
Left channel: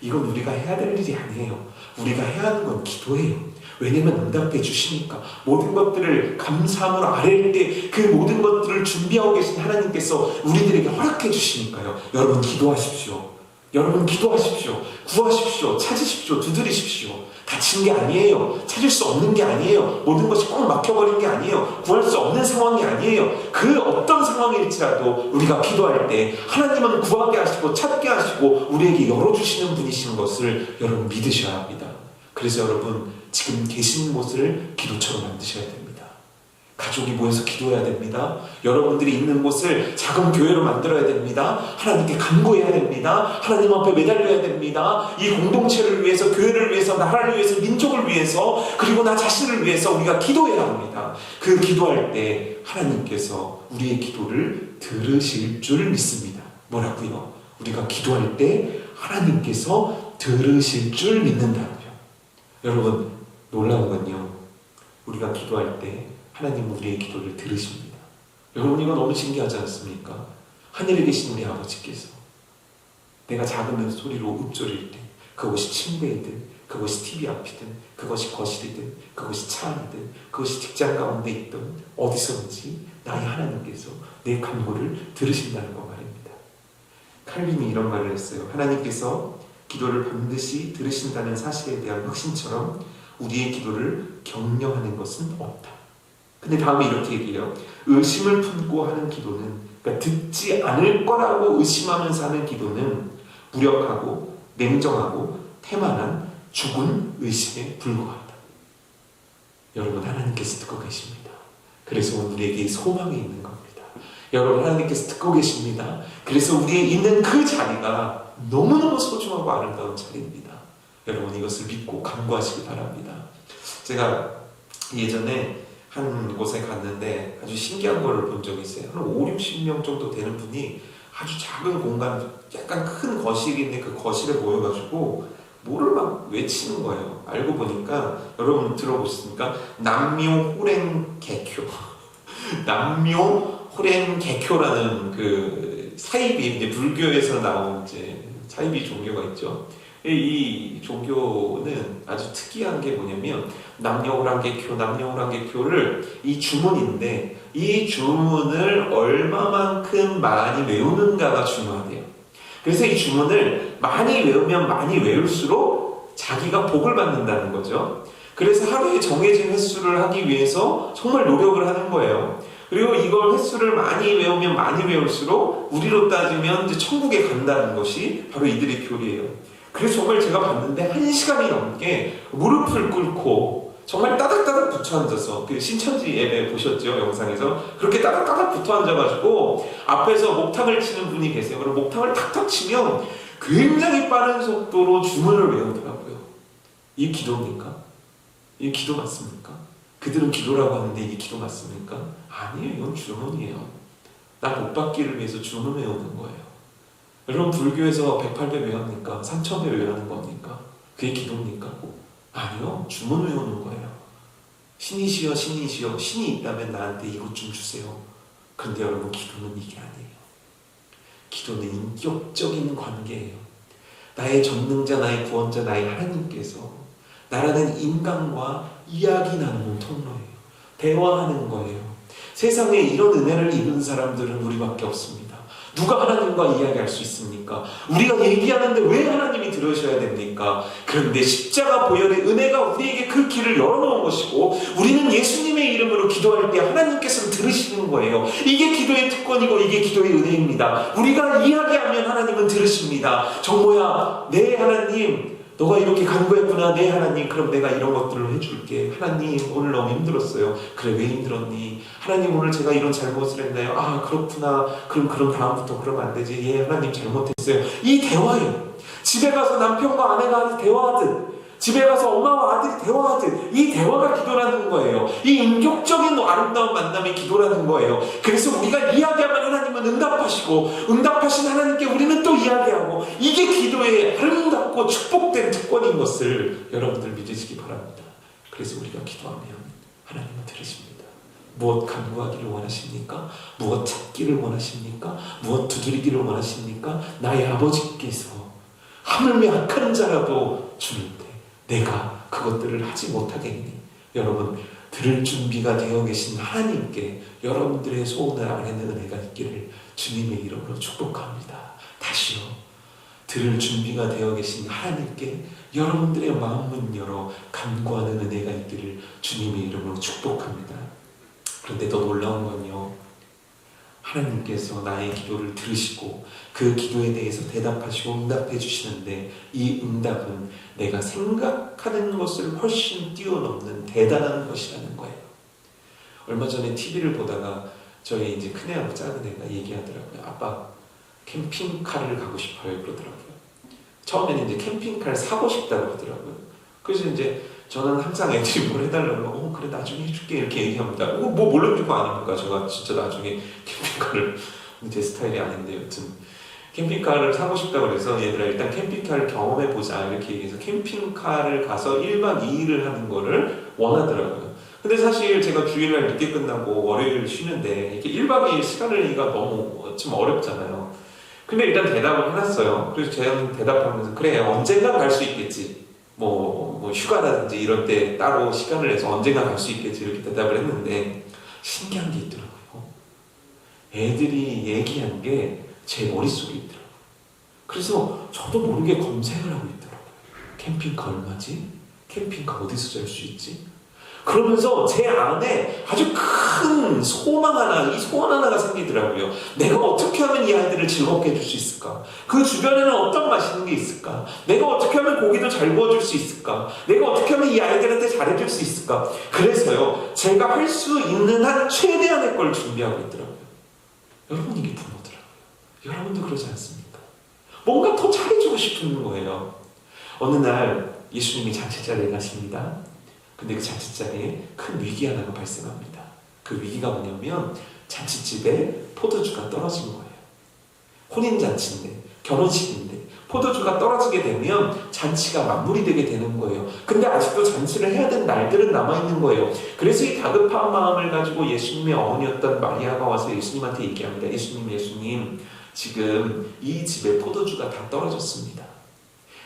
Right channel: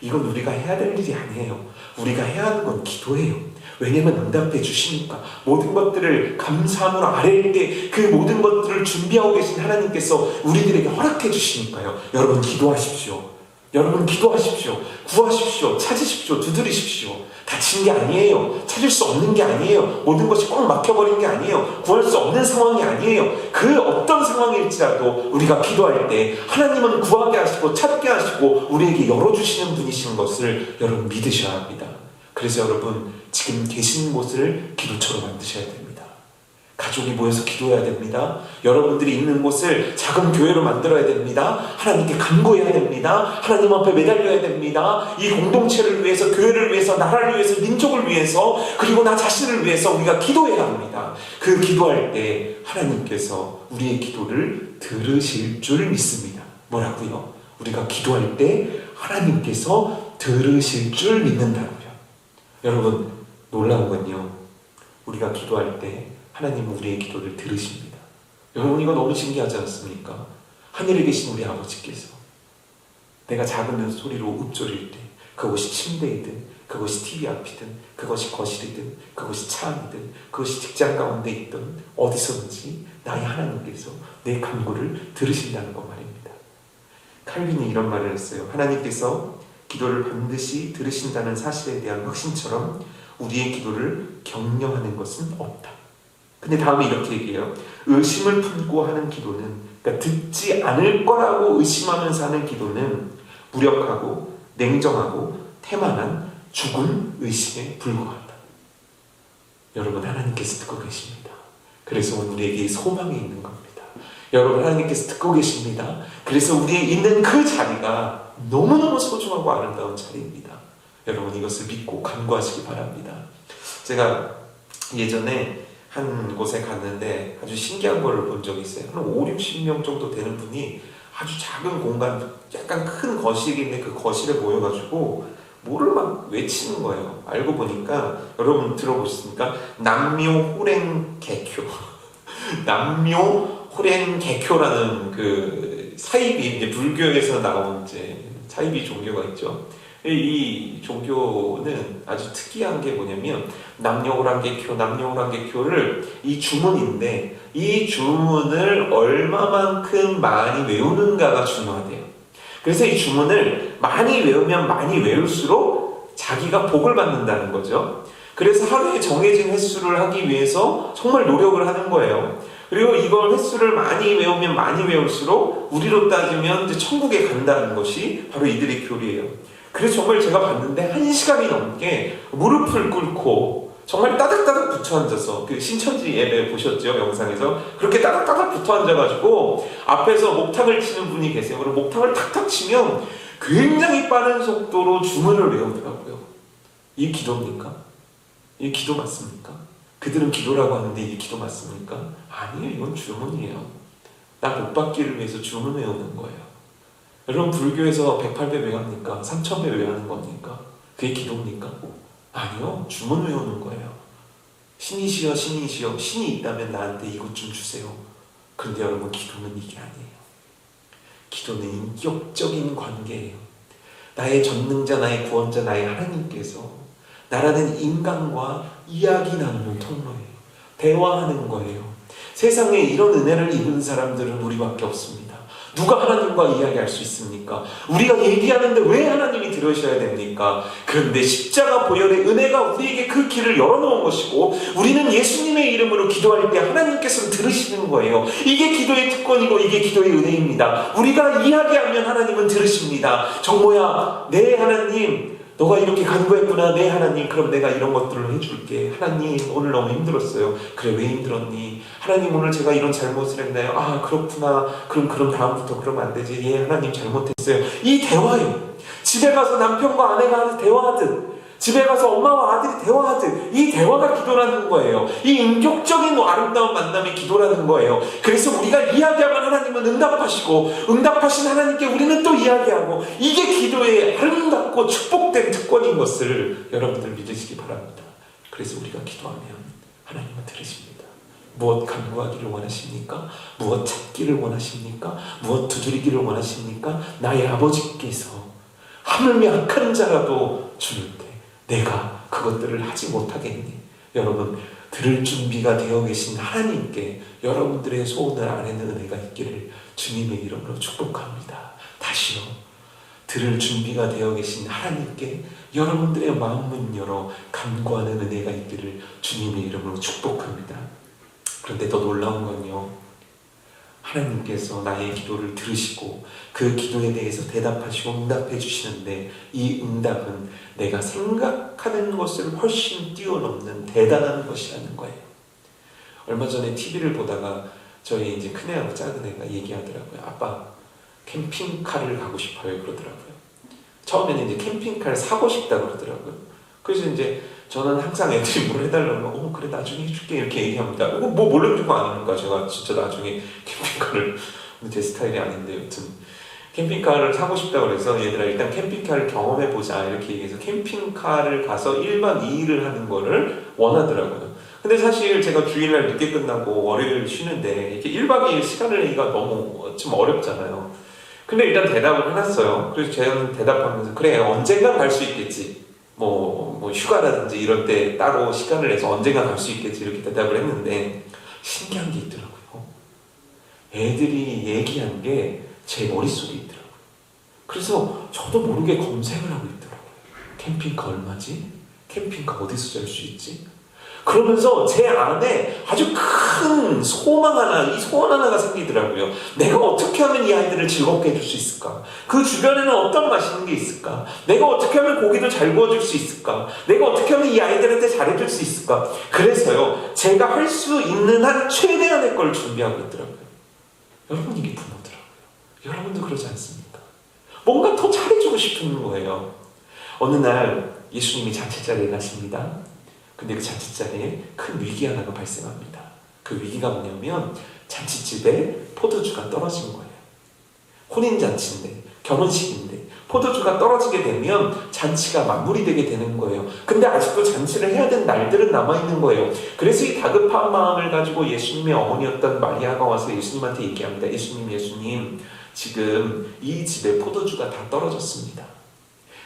이건 우리가 해야 될 일이 아니에요. 우리가 해야 하는 건 기도예요. 왜냐면 응답해 주시니까. 모든 것들을 감사함으로 아뢰일 때 그 모든 것들을 준비하고 계신 하나님께서 우리들에게 허락해 주시니까요. 여러분, 기도하십시오. 여러분, 기도하십시오. 구하십시오. 찾으십시오. 두드리십시오. 다친 게 아니에요. 찾을 수 없는 게 아니에요. 모든 것이 꽉 막혀버린 게 아니에요. 구할 수 없는 상황이 아니에요. 그 어떤 상황일지라도 우리가 기도할 때 하나님은 구하게 하시고 찾게 하시고 우리에게 열어주시는 분이신 것을 여러분 믿으셔야 합니다. 그래서 여러분, 지금 계신 곳을 기도처럼 만드셔야 됩니다. 가족이 모여서 기도해야 됩니다. 여러분들이 있는 곳을 작은 교회로 만들어야 됩니다. 하나님께 간구해야 됩니다. 하나님 앞에 매달려야 됩니다. 이 공동체를 위해서, 교회를 위해서, 나라를 위해서, 민족을 위해서, 그리고 나 자신을 위해서 우리가 기도해야 합니다. 그 기도할 때 하나님께서 우리의 기도를 들으실 줄 믿습니다. 뭐라고요? 우리가 기도할 때 하나님께서 들으실 줄 믿는다고요. 여러분, 놀라운 건요, 우리가 기도할 때 하나님은 우리의 기도를 들으십니다. 여러분, 이거 너무 신기하지 않습니까? 하늘에 계신 우리 아버지께서 내가 작은 소리로 읊조릴 때, 그것이 침대이든, 그것이 TV 앞이든, 그것이 거실이든, 그것이 차 안이든, 그것이 직장 가운데 있든 어디서든지 나의 하나님께서 내 간구를 들으신다는 것 말입니다. 칼빈이 이런 말을 했어요. 하나님께서 기도를 반드시 들으신다는 사실에 대한 확신처럼 우리의 기도를 격려하는 것은 없다. 근데 다음에 이렇게 얘기해요. 의심을 품고 하는 기도는, 그러니까 듣지 않을 거라고 의심하면서 하는 기도는 무력하고 냉정하고 태만한 죽은 의심에 불과하다. 여러분, 하나님께서 듣고 계십니다. 그래서 우리에게 소망이 있는 겁니다. 여러분, 하나님께서 듣고 계십니다. 그래서 우리의 있는 그 자리가 너무너무 소중하고 아름다운 자리입니다. 여러분, 이것을 믿고 간구하시기 바랍니다. 제가 예전에 한 곳에 갔는데 아주 신기한 걸 본 적이 있어요. 한 5, 60명 정도 되는 분이 아주 작은 공간, 약간 큰 거실인데 그 거실에 모여가지고 뭐를 막 외치는 거예요. 알고 보니까, 여러분 들어보셨습니까? 남묘호랭개교. 남묘호랭개교라는 그 사이비, 이제 불교에서 나온 이제 사이비 종교가 있죠. 이 종교는 아주 특이한 게 뭐냐면, 남녀호랑개교를 이 주문인데, 이 주문을 얼마만큼 많이 외우는가가 중요하대요. 그래서 이 주문을 많이 외우면 많이 외울수록 자기가 복을 받는다는 거죠. 그래서 하루에 정해진 횟수를 하기 위해서 정말 노력을 하는 거예요. 그리고 이걸 횟수를 많이 외우면 많이 외울수록 우리로 따지면 이제 천국에 간다는 것이 바로 이들의 교리예요. 그래서 정말 제가 봤는데 1시간이 넘게 무릎을 꿇고 정말 따닥따닥 붙어 앉아서, 그 신천지 예배 보셨죠? 영상에서. 그렇게 따닥따닥 붙어 앉아가지고 앞에서 목탁을 치는 분이 계세요. 그럼 목탁을 탁탁 치면 굉장히 빠른 속도로 주문을 외우더라고요. 이게 기도입니까? 이게 기도 맞습니까? 그들은 기도라고 하는데 이게 기도 맞습니까? 아니에요. 이건 주문이에요. 나 복 받기를 위해서 주문 외우는 거예요. 여러분, 불교에서 108배 왜 합니까? 3000배 왜 하는 겁니까? 그게 기도입니까? 아니요. 주문 외우는 거예요. 신이시여, 신이시여, 신이 있다면 나한테 이것 좀 주세요. 그런데 여러분, 기도는 이게 아니에요. 기도는 인격적인 관계예요. 나의 전능자, 나의 구원자, 나의 하나님께서 나라는 인간과 이야기 나누는 통로예요. 대화하는 거예요. 세상에 이런 은혜를 입은 사람들은 우리밖에 없습니다. 누가 하나님과 이야기할 수 있습니까? 우리가 얘기하는데 왜 하나님이 들으셔야 됩니까? 그런데 십자가 보혈의 은혜가 우리에게 그 길을 열어놓은 것이고, 우리는 예수님의 이름으로 기도할 때 하나님께서 들으시는 거예요. 이게 기도의 특권이고 이게 기도의 은혜입니다. 우리가 이야기하면 하나님은 들으십니다. 정모야, 네 하나님, 너가 이렇게 간구했구나. 네 하나님, 그럼 내가 이런 것들을 해줄게. 하나님, 오늘 너무 힘들었어요. 그래, 왜 힘들었니? 하나님, 오늘 제가 이런 잘못을 했나요? 아, 그렇구나. 그럼 다음부터 그러면 안 되지. 예, 하나님 잘못했어요. 이 대화예요. 집에 가서 남편과 아내가 대화하듯, 집에 가서 엄마와 아들이 대화하듯, 이 대화가 기도라는 거예요. 이 인격적인 아름다운 만남이 기도라는 거예요. 그래서 우리가 이야기하면 하나님은 응답하시고, 응답하신 하나님께 우리는 또 이야기하고, 이게 기도의 아름답고 축복된 특권인 것을 여러분들 믿으시기 바랍니다. 그래서 우리가 기도하면 하나님은 들으십니다. 무엇 간구하기를 원하십니까? 무엇 찾기를 원하십니까? 무엇 두드리기를 원하십니까? 나의 아버지께서 하물며 악한 자라도 주를 때 내가 그것들을 하지 못하겠니? 여러분, 들을 준비가 되어 계신 하나님께 여러분들의 소원을 아뢰는 은혜가 있기를 주님의 이름으로 축복합니다. 다시요, 들을 준비가 되어 계신 하나님께 여러분들의 마음문 열어 간구하는 은혜가 있기를 주님의 이름으로 축복합니다. 그런데 더 놀라운 건요, 하나님께서 나의 기도를 들으시고 그 기도에 대해서 대답하시고 응답해 주시는데, 이 응답은 내가 생각하는 것을 훨씬 뛰어넘는 대단한 것이라는 거예요. 얼마 전에 TV를 보다가 저희 이제 큰애하고 작은애가 얘기하더라고요. 아빠, 캠핑카를 가고 싶어요. 그러더라고요. 처음에는 이제 캠핑카를 사고 싶다고 그러더라고요. 그래서 이제 저는 항상 애들이 뭘 해달라고, 그래 나중에 해줄게 이렇게 얘기합니다. 뭐 몰라주고 안 합니까? 제가 진짜 나중에 캠핑카를, 제 스타일이 아닌데 여튼 캠핑카를 사고 싶다고 그래서 얘들아 일단 캠핑카를 경험해보자 이렇게 얘기해서 캠핑카를 가서 1박 2일을 하는 거를 원하더라고요. 근데 사실 제가 주일날 늦게 끝나고 월요일 쉬는데 이렇게 1박 2일 시간을 내기가 너무 좀 어렵잖아요. 근데 일단 대답을 해놨어요. 그래서 제가 대답하면서 그래 언젠간 갈 수 있겠지, 뭐 휴가라든지 이럴 때 따로 시간을 내서 언젠가 갈 수 있겠지 이렇게 대답을 했는데, 신기한 게 있더라고요. 애들이 얘기한 게 제 머릿속에 있더라고요. 그래서 저도 모르게 검색을 하고 있더라고요. 캠핑카 얼마지? 캠핑카 어디서 잘 수 있지? 그러면서 제 안에 아주 큰 소망 하나, 이 소원 하나가 생기더라고요. 내가 어떻게 하면 이 아이들을 즐겁게 해줄 수 있을까? 그 주변에는 어떤 맛있는 게 있을까? 내가 어떻게 하면 고기도 잘 구워줄 수 있을까? 내가 어떻게 하면 이 아이들한테 잘해줄 수 있을까? 그래서요, 제가 할 수 있는 한 최대한의 걸 준비하고 있더라고요. 여러분, 이게 부모더라고요. 여러분도 그러지 않습니까? 뭔가 더 잘해주고 싶은 거예요. 어느 날 예수님이 잔치자리에 가십니다. 근데 그 잔치자리에 큰 위기 하나가 발생합니다. 그 위기가 뭐냐면 잔치집에 포도주가 떨어진 거예요. 혼인잔치인데, 결혼식인데 포도주가 떨어지게 되면 잔치가 마무리되게 되는 거예요. 근데 아직도 잔치를 해야 되는 날들은 남아있는 거예요. 그래서 이 다급한 마음을 가지고 예수님의 어머니였던 마리아가 와서 예수님한테 얘기합니다. 예수님, 지금 이 집에 포도주가 다 떨어졌습니다.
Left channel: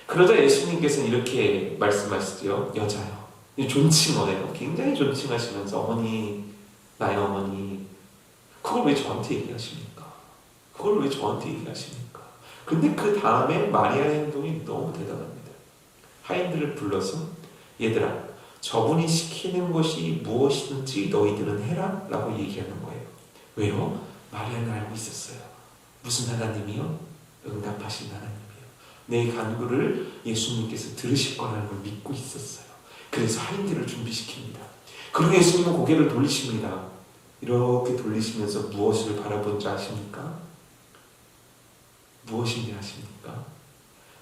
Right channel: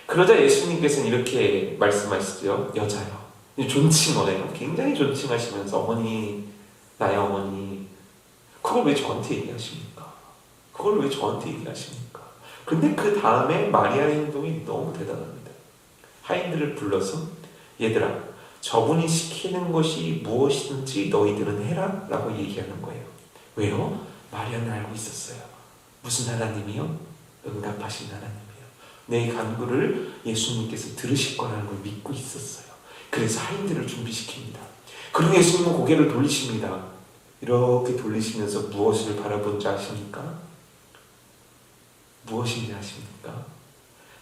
그러자 예수님께서는 이렇게 말씀하시죠. 여자요, 존칭어래요. 굉장히 존칭하시면서 어머니, 나의 어머니, 그걸 왜 저한테 얘기하십니까? 그걸 왜 저한테 얘기하십니까? 근데 그 다음에 마리아의 행동이 너무 대단합니다. 하인들을 불러서 얘들아, 저분이 시키는 것이 무엇이든지 너희들은 해라 라고 얘기하는 거예요. 왜요? 마리아는 알고 있었어요. 무슨 하나님이요? 응답하신 하나님이에요. 내 간구를 예수님께서 들으실 거라는 걸 믿고 있었어요. 그래서 하인들을 준비시킵니다. 그리고 예수님은 고개를 돌리십니다. 이렇게 돌리시면서 무엇을 바라본지 아십니까? 무엇인지 아십니까?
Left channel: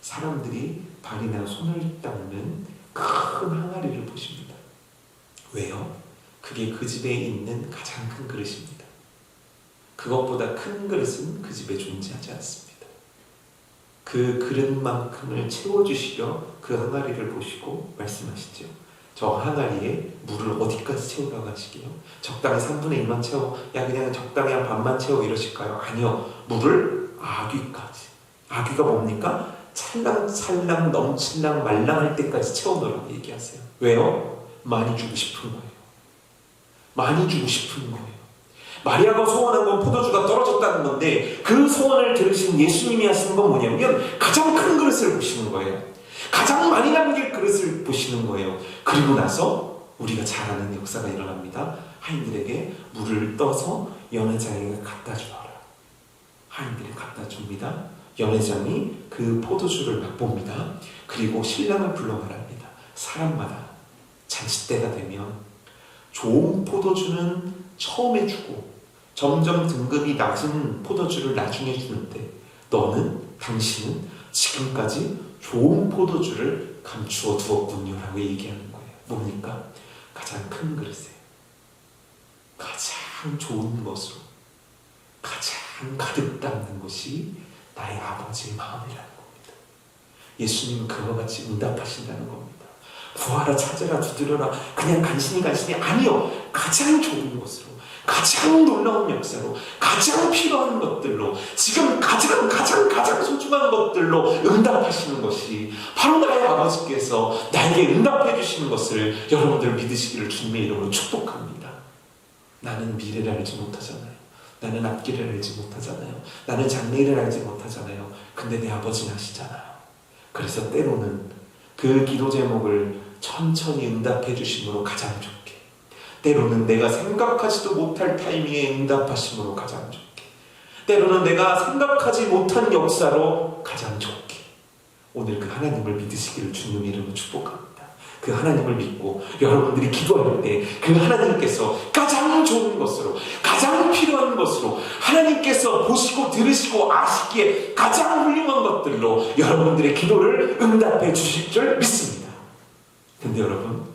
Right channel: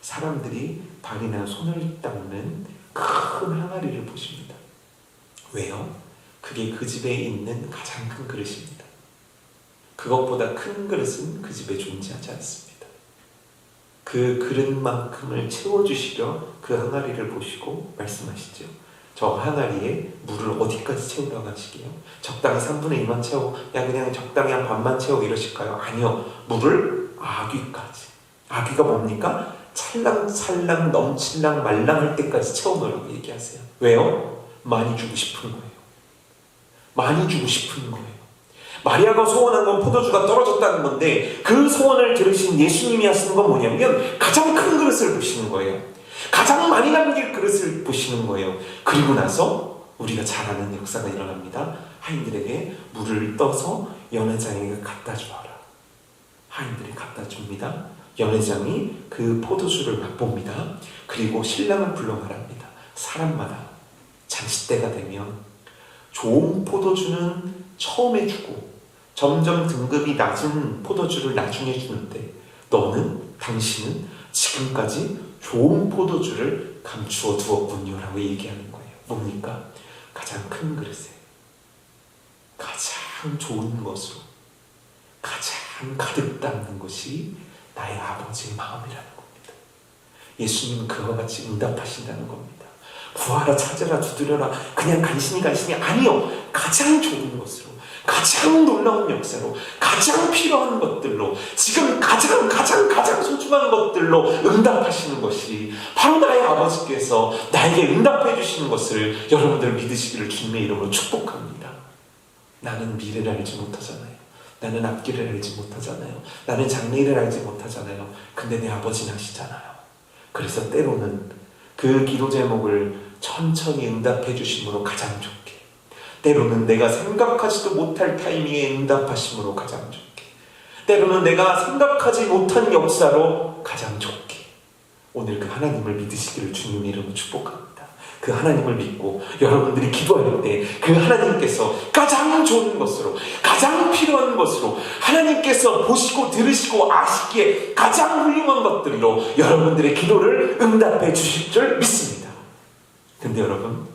사람들이 발이나 손을 닦는 큰 항아리를 보십니다. 왜요? 그게 그 집에 있는 가장 큰 그릇입니다. 그것보다 큰 그릇은 그 집에 존재하지 않습니다. 그 그릇만큼을 채워주시려 그 항아리를 보시고 말씀하시죠. 저 항아리에 물을 어디까지 채우라고 하시게요? 적당히 3분의 1만 채워? 그냥 적당히 한 반만 채워 이러실까요? 아니요. 물을 아귀까지. 아귀가 뭡니까? 찰랑찰랑 넘칠랑 말랑할 때까지 채워넣으라고 얘기하세요. 왜요? 많이 주고 싶은 거예요. 많이 주고 싶은 거예요. 마리아가 소원한 건 포도주가 떨어졌다는 건데 그 소원을 들으신 예수님이 하시는 건 뭐냐면 가장 큰 그릇을 보시는 거예요. 가장 많이 남길 그릇을 보시는 거예요. 그리고 나서 우리가 잘 아는 역사가 일어납니다. 하인들에게 물을 떠서 연회장에게 갖다 주어라. 하인들이 갖다 줍니다. 연회장이 그 포도주를 맛봅니다. 그리고 신랑을 불러 말합니다. 사람마다 잔치 때가 되면 좋은 포도주는 처음에 주고 점점 등급이 낮은 포도주를 나중에 주는데 당신은 지금까지 좋은 포도주를 감추어 두었군요 라고 얘기하는 거예요. 뭡니까? 가장 큰 그릇에 가장 좋은 것으로 가장 가득 담는 것이 나의 아버지의 마음이라는 겁니다. 예수님은 그와 같이 응답하신다는 겁니다. 구하라, 찾으라, 두드려라. 그냥 간신히 아니요. 가장 좋은 것으로, 가장 놀라운 역사로, 가장 필요한 것들로, 지금 가장 소중한 것들로 응답하시는 것이 바로 나의 아버지께서 나에게 응답해 주시는 것을 여러분들 믿으시기를 주님의 이름으로 축복합니다. 나는 미래를 알지 못하잖아요. 나는 앞길을 알지 못하잖아요. 나는 장래일을 알지 못하잖아요. 근데 내 아버지는 아시잖아요. 그래서 때로는 그 기도 제목을 천천히 응답해 주심으로 가장 좋게, 때로는 내가 생각하지도 못할 타이밍에 응답하심으로 가장 좋게, 때로는 내가 생각하지 못한 역사로 가장 좋게, 오늘 그 하나님을 믿으시기를 주님 이름으로 축복합니다. 그 하나님을 믿고 여러분들이 기도할 때 그 하나님께서 가장 좋은 것으로, 가장 필요한 것으로, 하나님께서 보시고 들으시고 아시기에 가장 훌륭한 것들로 여러분들의 기도를 응답해 주실 줄 믿습니다. 근데 여러분,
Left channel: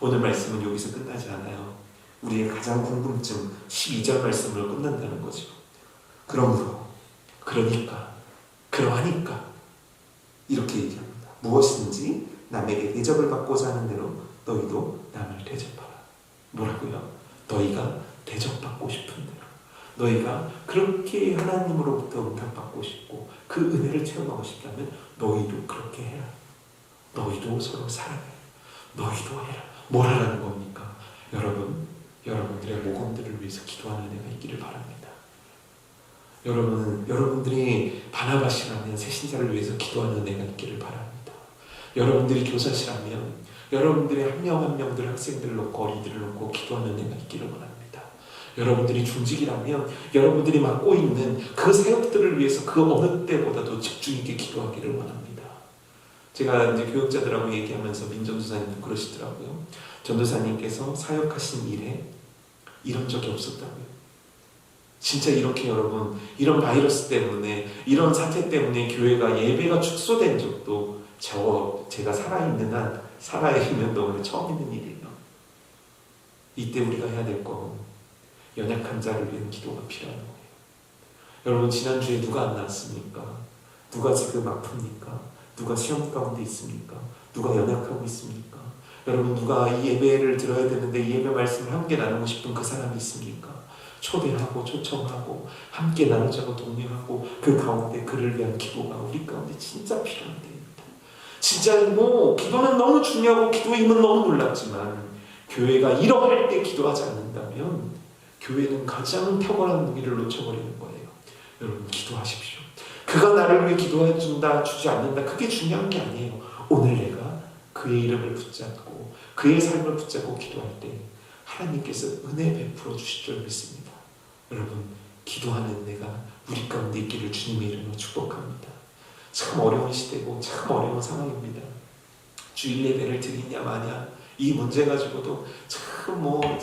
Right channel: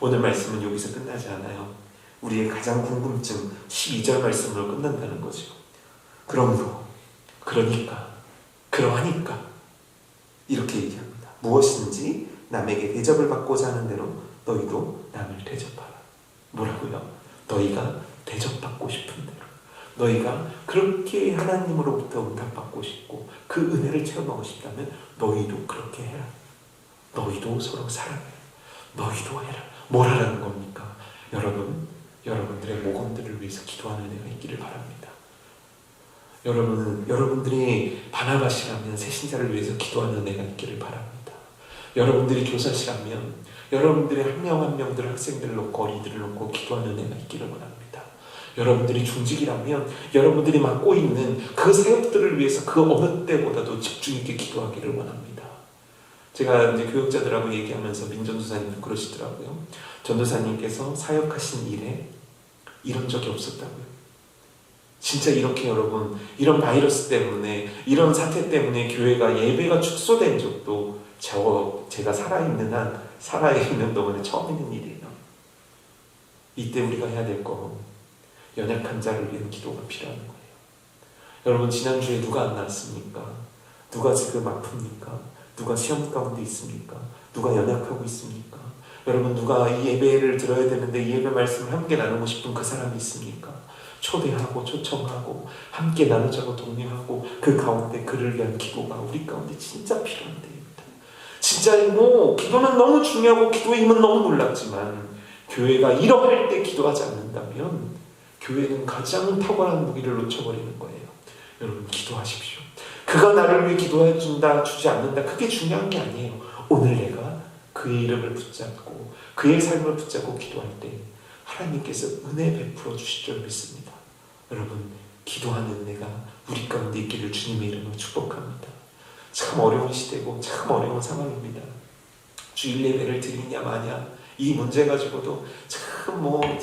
오늘 말씀은 여기서 끝나지 않아요. 우리의 가장 궁금증 12절 말씀으로 끝난다는 거죠. 그러하니까 이렇게 얘기합니다. 무엇인지 남에게 대접을 받고자 하는 대로 너희도 남을 대접하라. 뭐라고요? 너희가 대접받고 싶은 대로, 너희가 그렇게 하나님으로부터 응답받고 싶고 그 은혜를 체험하고 싶다면 너희도 그렇게 해라. 너희도 서로 사랑해. 너희도 해라. 뭘 하라는 겁니까? 여러분들의 모범들을 위해서 기도하는 은혜가 있기를 바랍니다. 여러분들이 바나바시라면 새신자를 위해서 기도하는 은혜가 있기를 바랍니다. 여러분들이 교사시라면 여러분들의 한 명 한 명들 학생들을 놓고 어린이들을 놓고 기도하는 은혜가 있기를 원합니다. 여러분들이 중직이라면 여러분들이 맡고 있는 그 사역들을 위해서 그 어느 때보다도 집중 있게 기도하기를 원합니다. 제가 이제 교육자들하고 얘기하면서 민전도사님 그러시더라고요. 전도사님께서 사역하신 일에 이런 적이 없었다고요. 진짜 이렇게 여러분, 이런 바이러스 때문에, 이런 사태 때문에 교회가 예배가 축소된 적도 제가 살아있는 동안에 처음 있는 일이에요. 이때 우리가 해야 될 건 연약한 자를 위한 기도가 필요한 거예요. 여러분, 지난주에 누가 안 나왔습니까? 누가 지금 아픕니까? 누가 시험 가운데 있습니까? 누가 연약하고 있습니까? 여러분, 누가 이 예배를 들어야 되는데 이 예배 말씀을 함께 나누고 싶은 그 사람이 있습니까? 초대하고 초청하고 함께 나누자고 독려하고 그 가운데 그를 위한 기도가 우리 가운데 진짜 필요한데, 진짜 기도는 너무 중요하고 기도의 힘은 너무 놀랍지만 교회가 이러할 때 기도하지 않는다면 교회는 가장 탁월한 무기를 놓쳐버리는 거예요. 여러분, 기도하십시오. 그가 나를 위해 기도해 준다 주지 않는다, 그게 중요한 게 아니에요. 오늘 내가 그의 이름을 붙잡고 그의 삶을 붙잡고 기도할 때 하나님께서 은혜 베풀어 주실 줄 믿습니다. 여러분, 기도하는 은혜가 우리 가운데 있기를 주님의 이름으로 축복합니다. 참 어려운 시대고 참 어려운 상황입니다. 주일 예배를 드리냐 마냐 이 문제 가지고도 참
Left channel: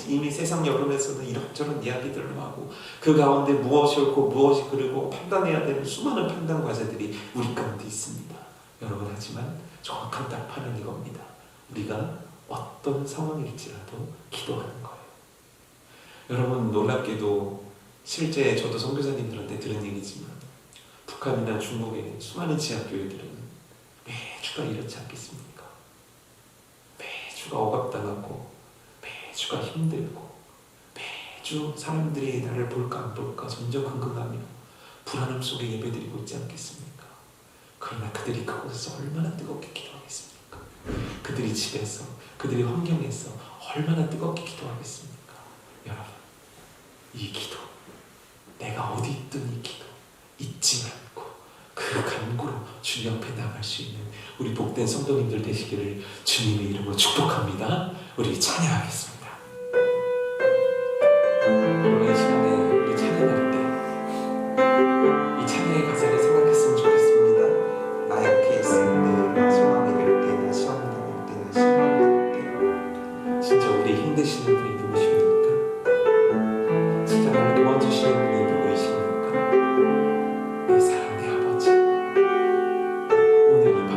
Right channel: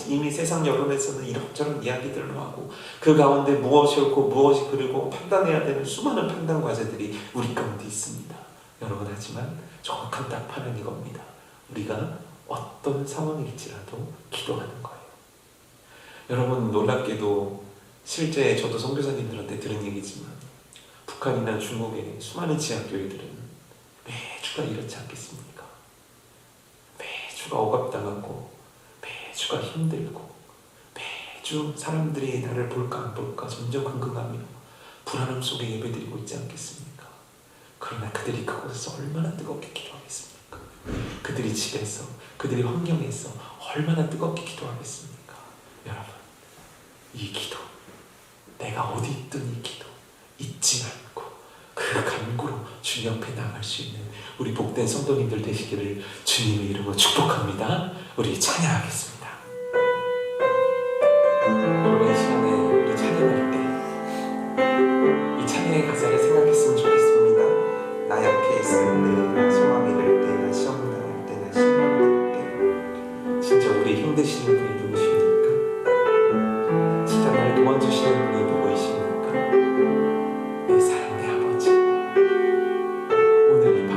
이미 세상 여론에서는 이런저런 이야기들로 하고 그 가운데 무엇이 옳고 무엇이 그르고 판단해야 되는 수많은 판단 과제들이 우리 가운데 있습니다. 여러분, 하지만 정확한 답판은 이겁니다. 우리가 어떤 상황일지라도 기도하는 거예요. 여러분, 놀랍게도 실제 저도 선교사님들한테 들은 얘기지만 북한이나 중국의 수많은 지하교회들은 매주가 이렇지 않겠습니까? 매주가 억압당하고 매주가 힘들고 매주 사람들이 나를 볼까 안 볼까 점점 궁금하며 불안함 속에 예배드리고 있지 않겠습니까? 그러나 그들이 그곳에서 얼마나 뜨겁게 기도하겠습니까? 그들이 집에서, 그들의 환경에서 얼마나 뜨겁게 기도하겠습니까? 여러분, 이 기도, 내가 어디 있든 이 기도 잊지 않고 그 간구로 주님 앞에 나갈 수 있는 우리 복된 성도님들 되시기를 주님의 이름으로 축복합니다. 우리 찬양하겠습니다. 오늘 이 시간에 우리 찬양할 때 이 찬양의 가사를 생각했으면 좋겠습니다. 나 약해 있을 때, 나 소망이 될 때, 나 시험 당할 때, 나 실망이 될 때, 진짜 우리 힘드시는 분이 누구십니까? 진짜 나를 도와주시는 분이 누구이십니까? 내 사랑의 아버지, 오늘 이 밤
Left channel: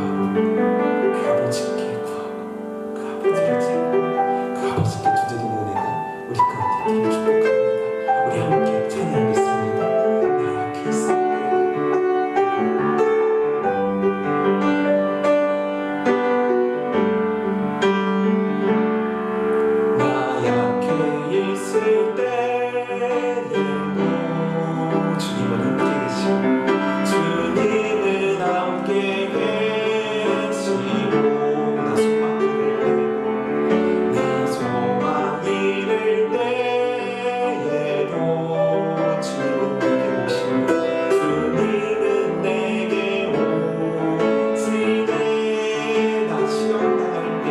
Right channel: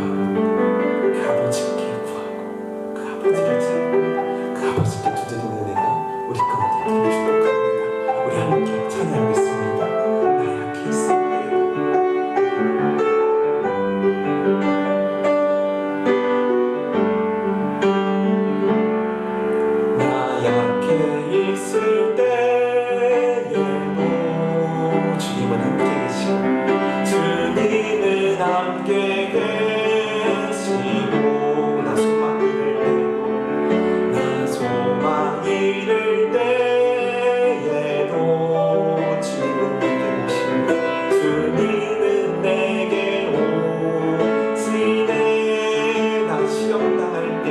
그 아버지께 구하고 그 아버지를 찾고 그 아버지께 두드리는 은혜가 우리 가운데 있기를 축복합니다. 우리 함께 찬양하겠습니다. 나 약해 있을 때, 나 약해 있을 때에도 주님은 함께 계시고 주님은 함께 계시고 나 소망이 될 때도 나 소망이 될 때에도 주님은 내게 오시고 주님은 내게 오시네. 나 시험 당할 때,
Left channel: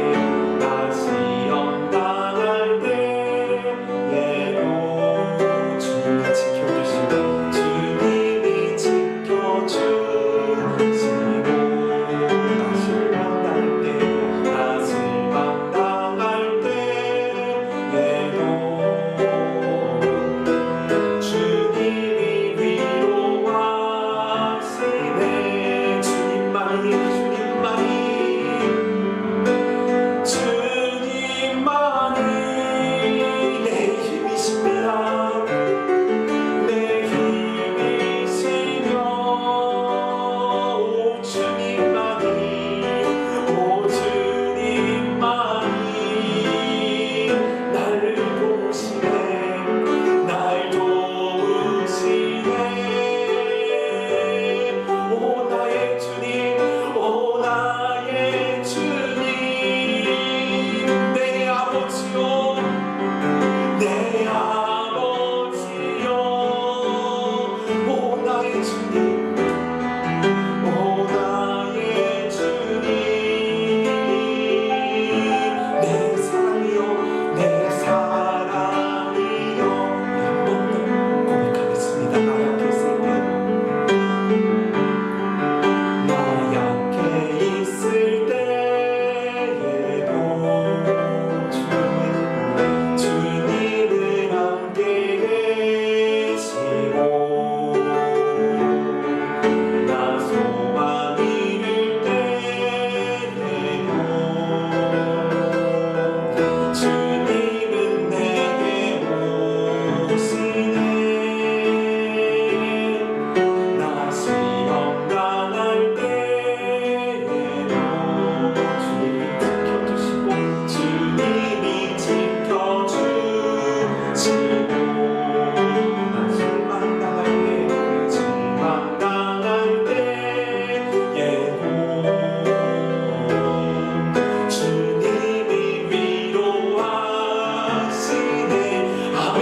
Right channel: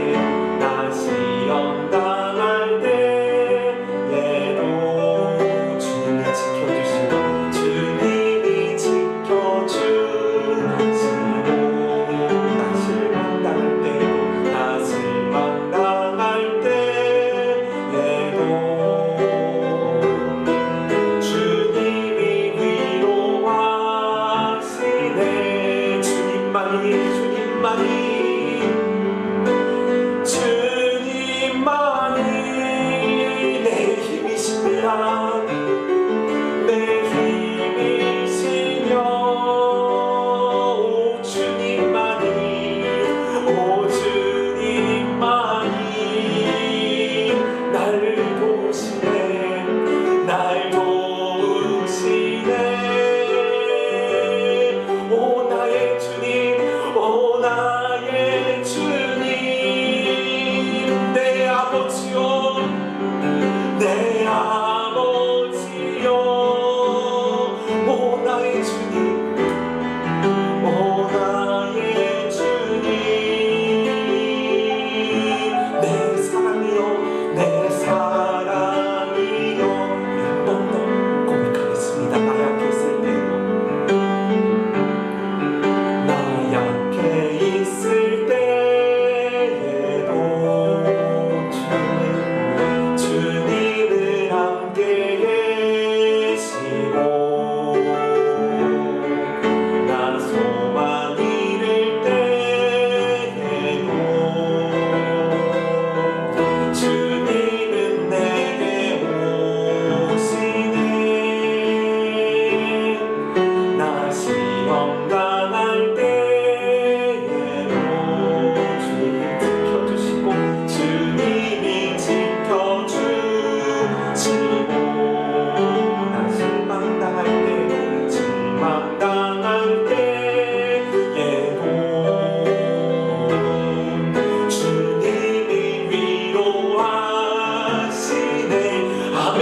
나 시험 당할 때에도 주님이 지켜주시고 주님이 지켜주시고 나 실망 당할 때도, 나 실망 당할 때에도 주님이 위로하시네. 주님만이 내 힘이시며 내 힘이시며 오 주님만이 날 도우시네. 날 도우시네. 오 나의 주님, 오 나의 주님, 내 아버지요, 내 아버지요. 오 나의 주님, 오 나의 주님, 내 사랑이요, 내 사랑이요. 한 번 더 고백하겠습니다. 나 약해 있을 때도, 나 약해 있을 때에도 주님은 함께 계시고 나 소망이 될 때에도 주님은 내게 오시네. 나 시험 당할 때에도 주님이 지켜주시고 주님이 지켜주시고 나 실망 당할 때, 실망 당할 때에도 주님이 위로하시네. 아멘.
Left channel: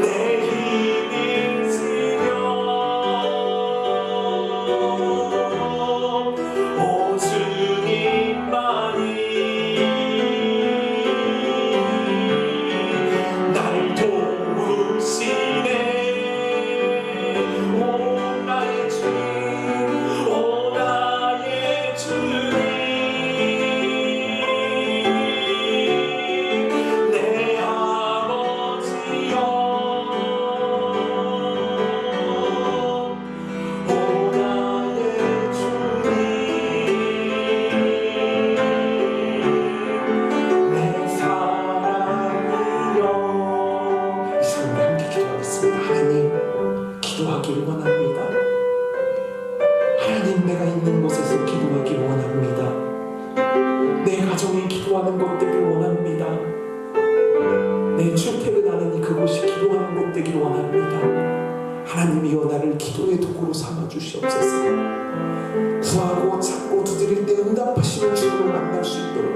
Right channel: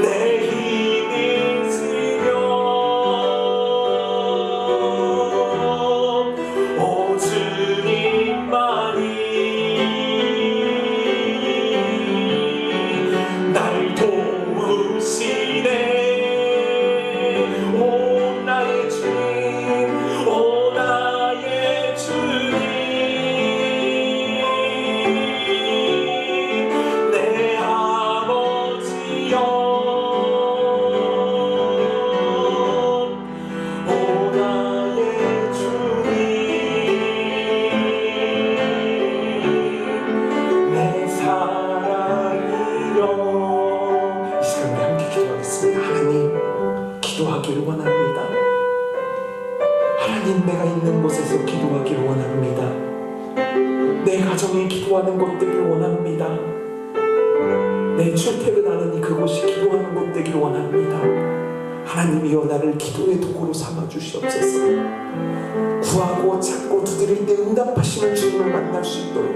내 힘이시며 오 주님만이 날 도우시네. 오 나의 주님, 오 나의 주님, 내 아버지여. 오 나의 주님, 내 사랑이여. 이 시간에 함께 기도하겠습니다. 하나님, 기도하기를 원합니다. 하나님, 내가 있는 곳에서 기도하기를 원합니다. 내 가정이 기도하는 곳 되길 원합니다. 내 출퇴근하는 그곳이 기도하는 곳 되길 원합니다. 하나님이여 나를 기도의 도구로 삼아주시옵소서. 구하고 찾고 두드릴 때 응답하시는 주님을 만날 수 있도록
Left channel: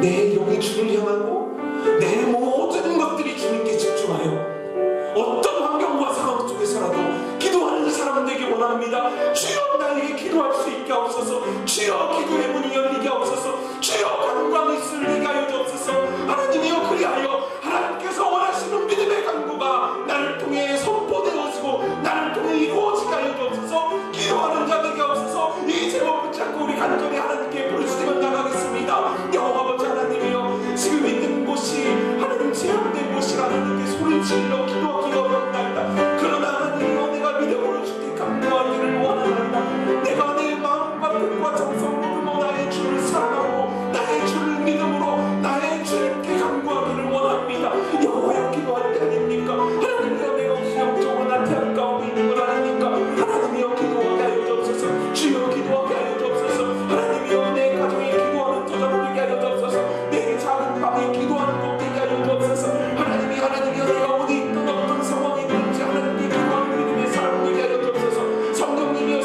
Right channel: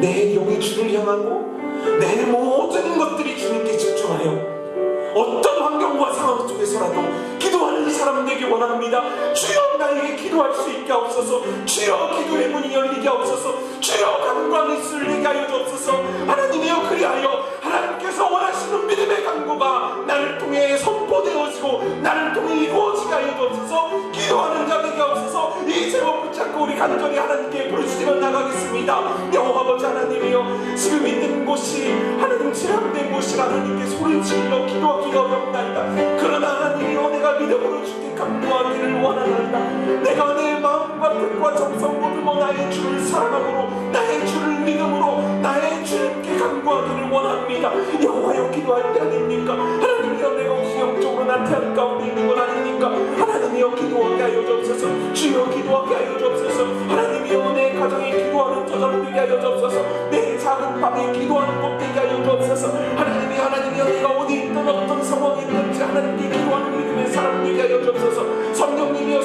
내 영이 주를 향하고 내 모든 것들이 주님께 집중하여 어떤 환경과 상황 속에서라도 기도하는 사람 되길 원합니다. 주여 나에게 기도할 수 있게 하옵소서. 주여 기도의 문이 열리게 하옵소서. 주여 간구함이 쏠리게 하여 주옵소서. 하나님이여 그리하여 하나님께서 원하시는 믿음의 간구가 나를 통해 선포되어지고 나를 통해 이루어지게 하여 주옵소서. 기도하는 자 되게 하옵소서. 이 제목 붙잡고 우리 간절히 하나님께 부르짖어 나가겠습니다. 여호와 아버지 하나님이여 지금 있는 곳이 하나님 제한된 곳이라 하나님께 소리를 질러 기도하기가 어렵나이다. 그러나 하나님이여 내가 믿음으로 주께 간구하기를 원하나이다. 내가 내 마음과 뜻과 정성으로 주어 나의 주를 사랑함으로 나의 주를 믿음으로 나의 주님께 간구하기를 원합니다. 여호와여 기도할 때 아닙니까? 하나님이여 내가 혹시 영적으로 나태한 가운데 있는 건 아닙니까? 하나님이여 기도하게 하여 주옵소서. 주여 기도하게 하여 주옵소서. 하나님이여 내 가정이 기도하는 저절로 되게 하여 주옵소서. 내 작은 방이 기도하는 곳 되게 하여 주옵소서. 하나님이여 내가 어디 있든 어떤 상황이 있든지 하나님께 기도하는 믿음의 사람 되게 하여 주옵소서. 성령님이여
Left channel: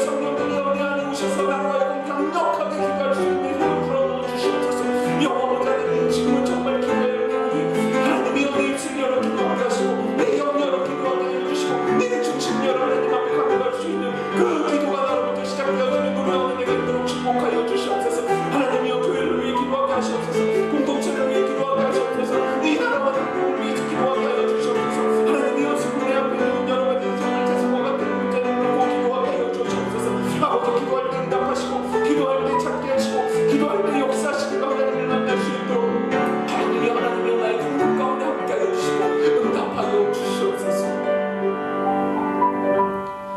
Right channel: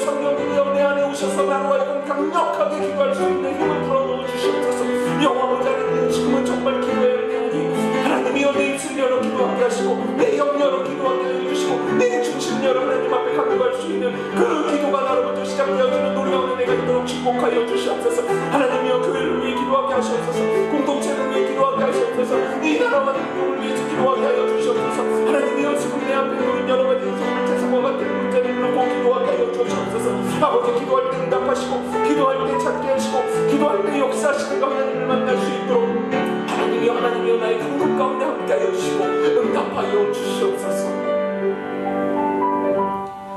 내 안에 오셔서 나로 하여금 강력하게 기도할 수 있는 힘을 불어넣어 주시옵소서. 여호와 하나님 지금은 정말 기도의 영이 하나님이여 내 입술 열어 기도하게 하시고 내 영 열어 기도하게 해주시고 내 중심 열어 하나님 앞에 간구할 수 있는 그 기도가 나로부터 시작되어지는 노래하는 내가 있도록 축복하여 주시옵소서. 하나님이여 교회를 위해 기도하게 하시옵소서. 공동체를 위해 기도하게 하시옵소서. 이 나라와 대국을 위해서 기도하게 하여 주시옵소서. 하나님이여 지금 내 앞에 놓인 여러 가지 인생을 같은 문제를 들고 기도하게 하여 주시옵소서. 아버지 기도할 때 응답하시고 기도할 때 찾게 하시고 기도할 때 역사하시는 하나님을 만날 수 있도록 하나님이여 나의 강력 가운데 함께 하여 주시고 응답하여 주시옵소서.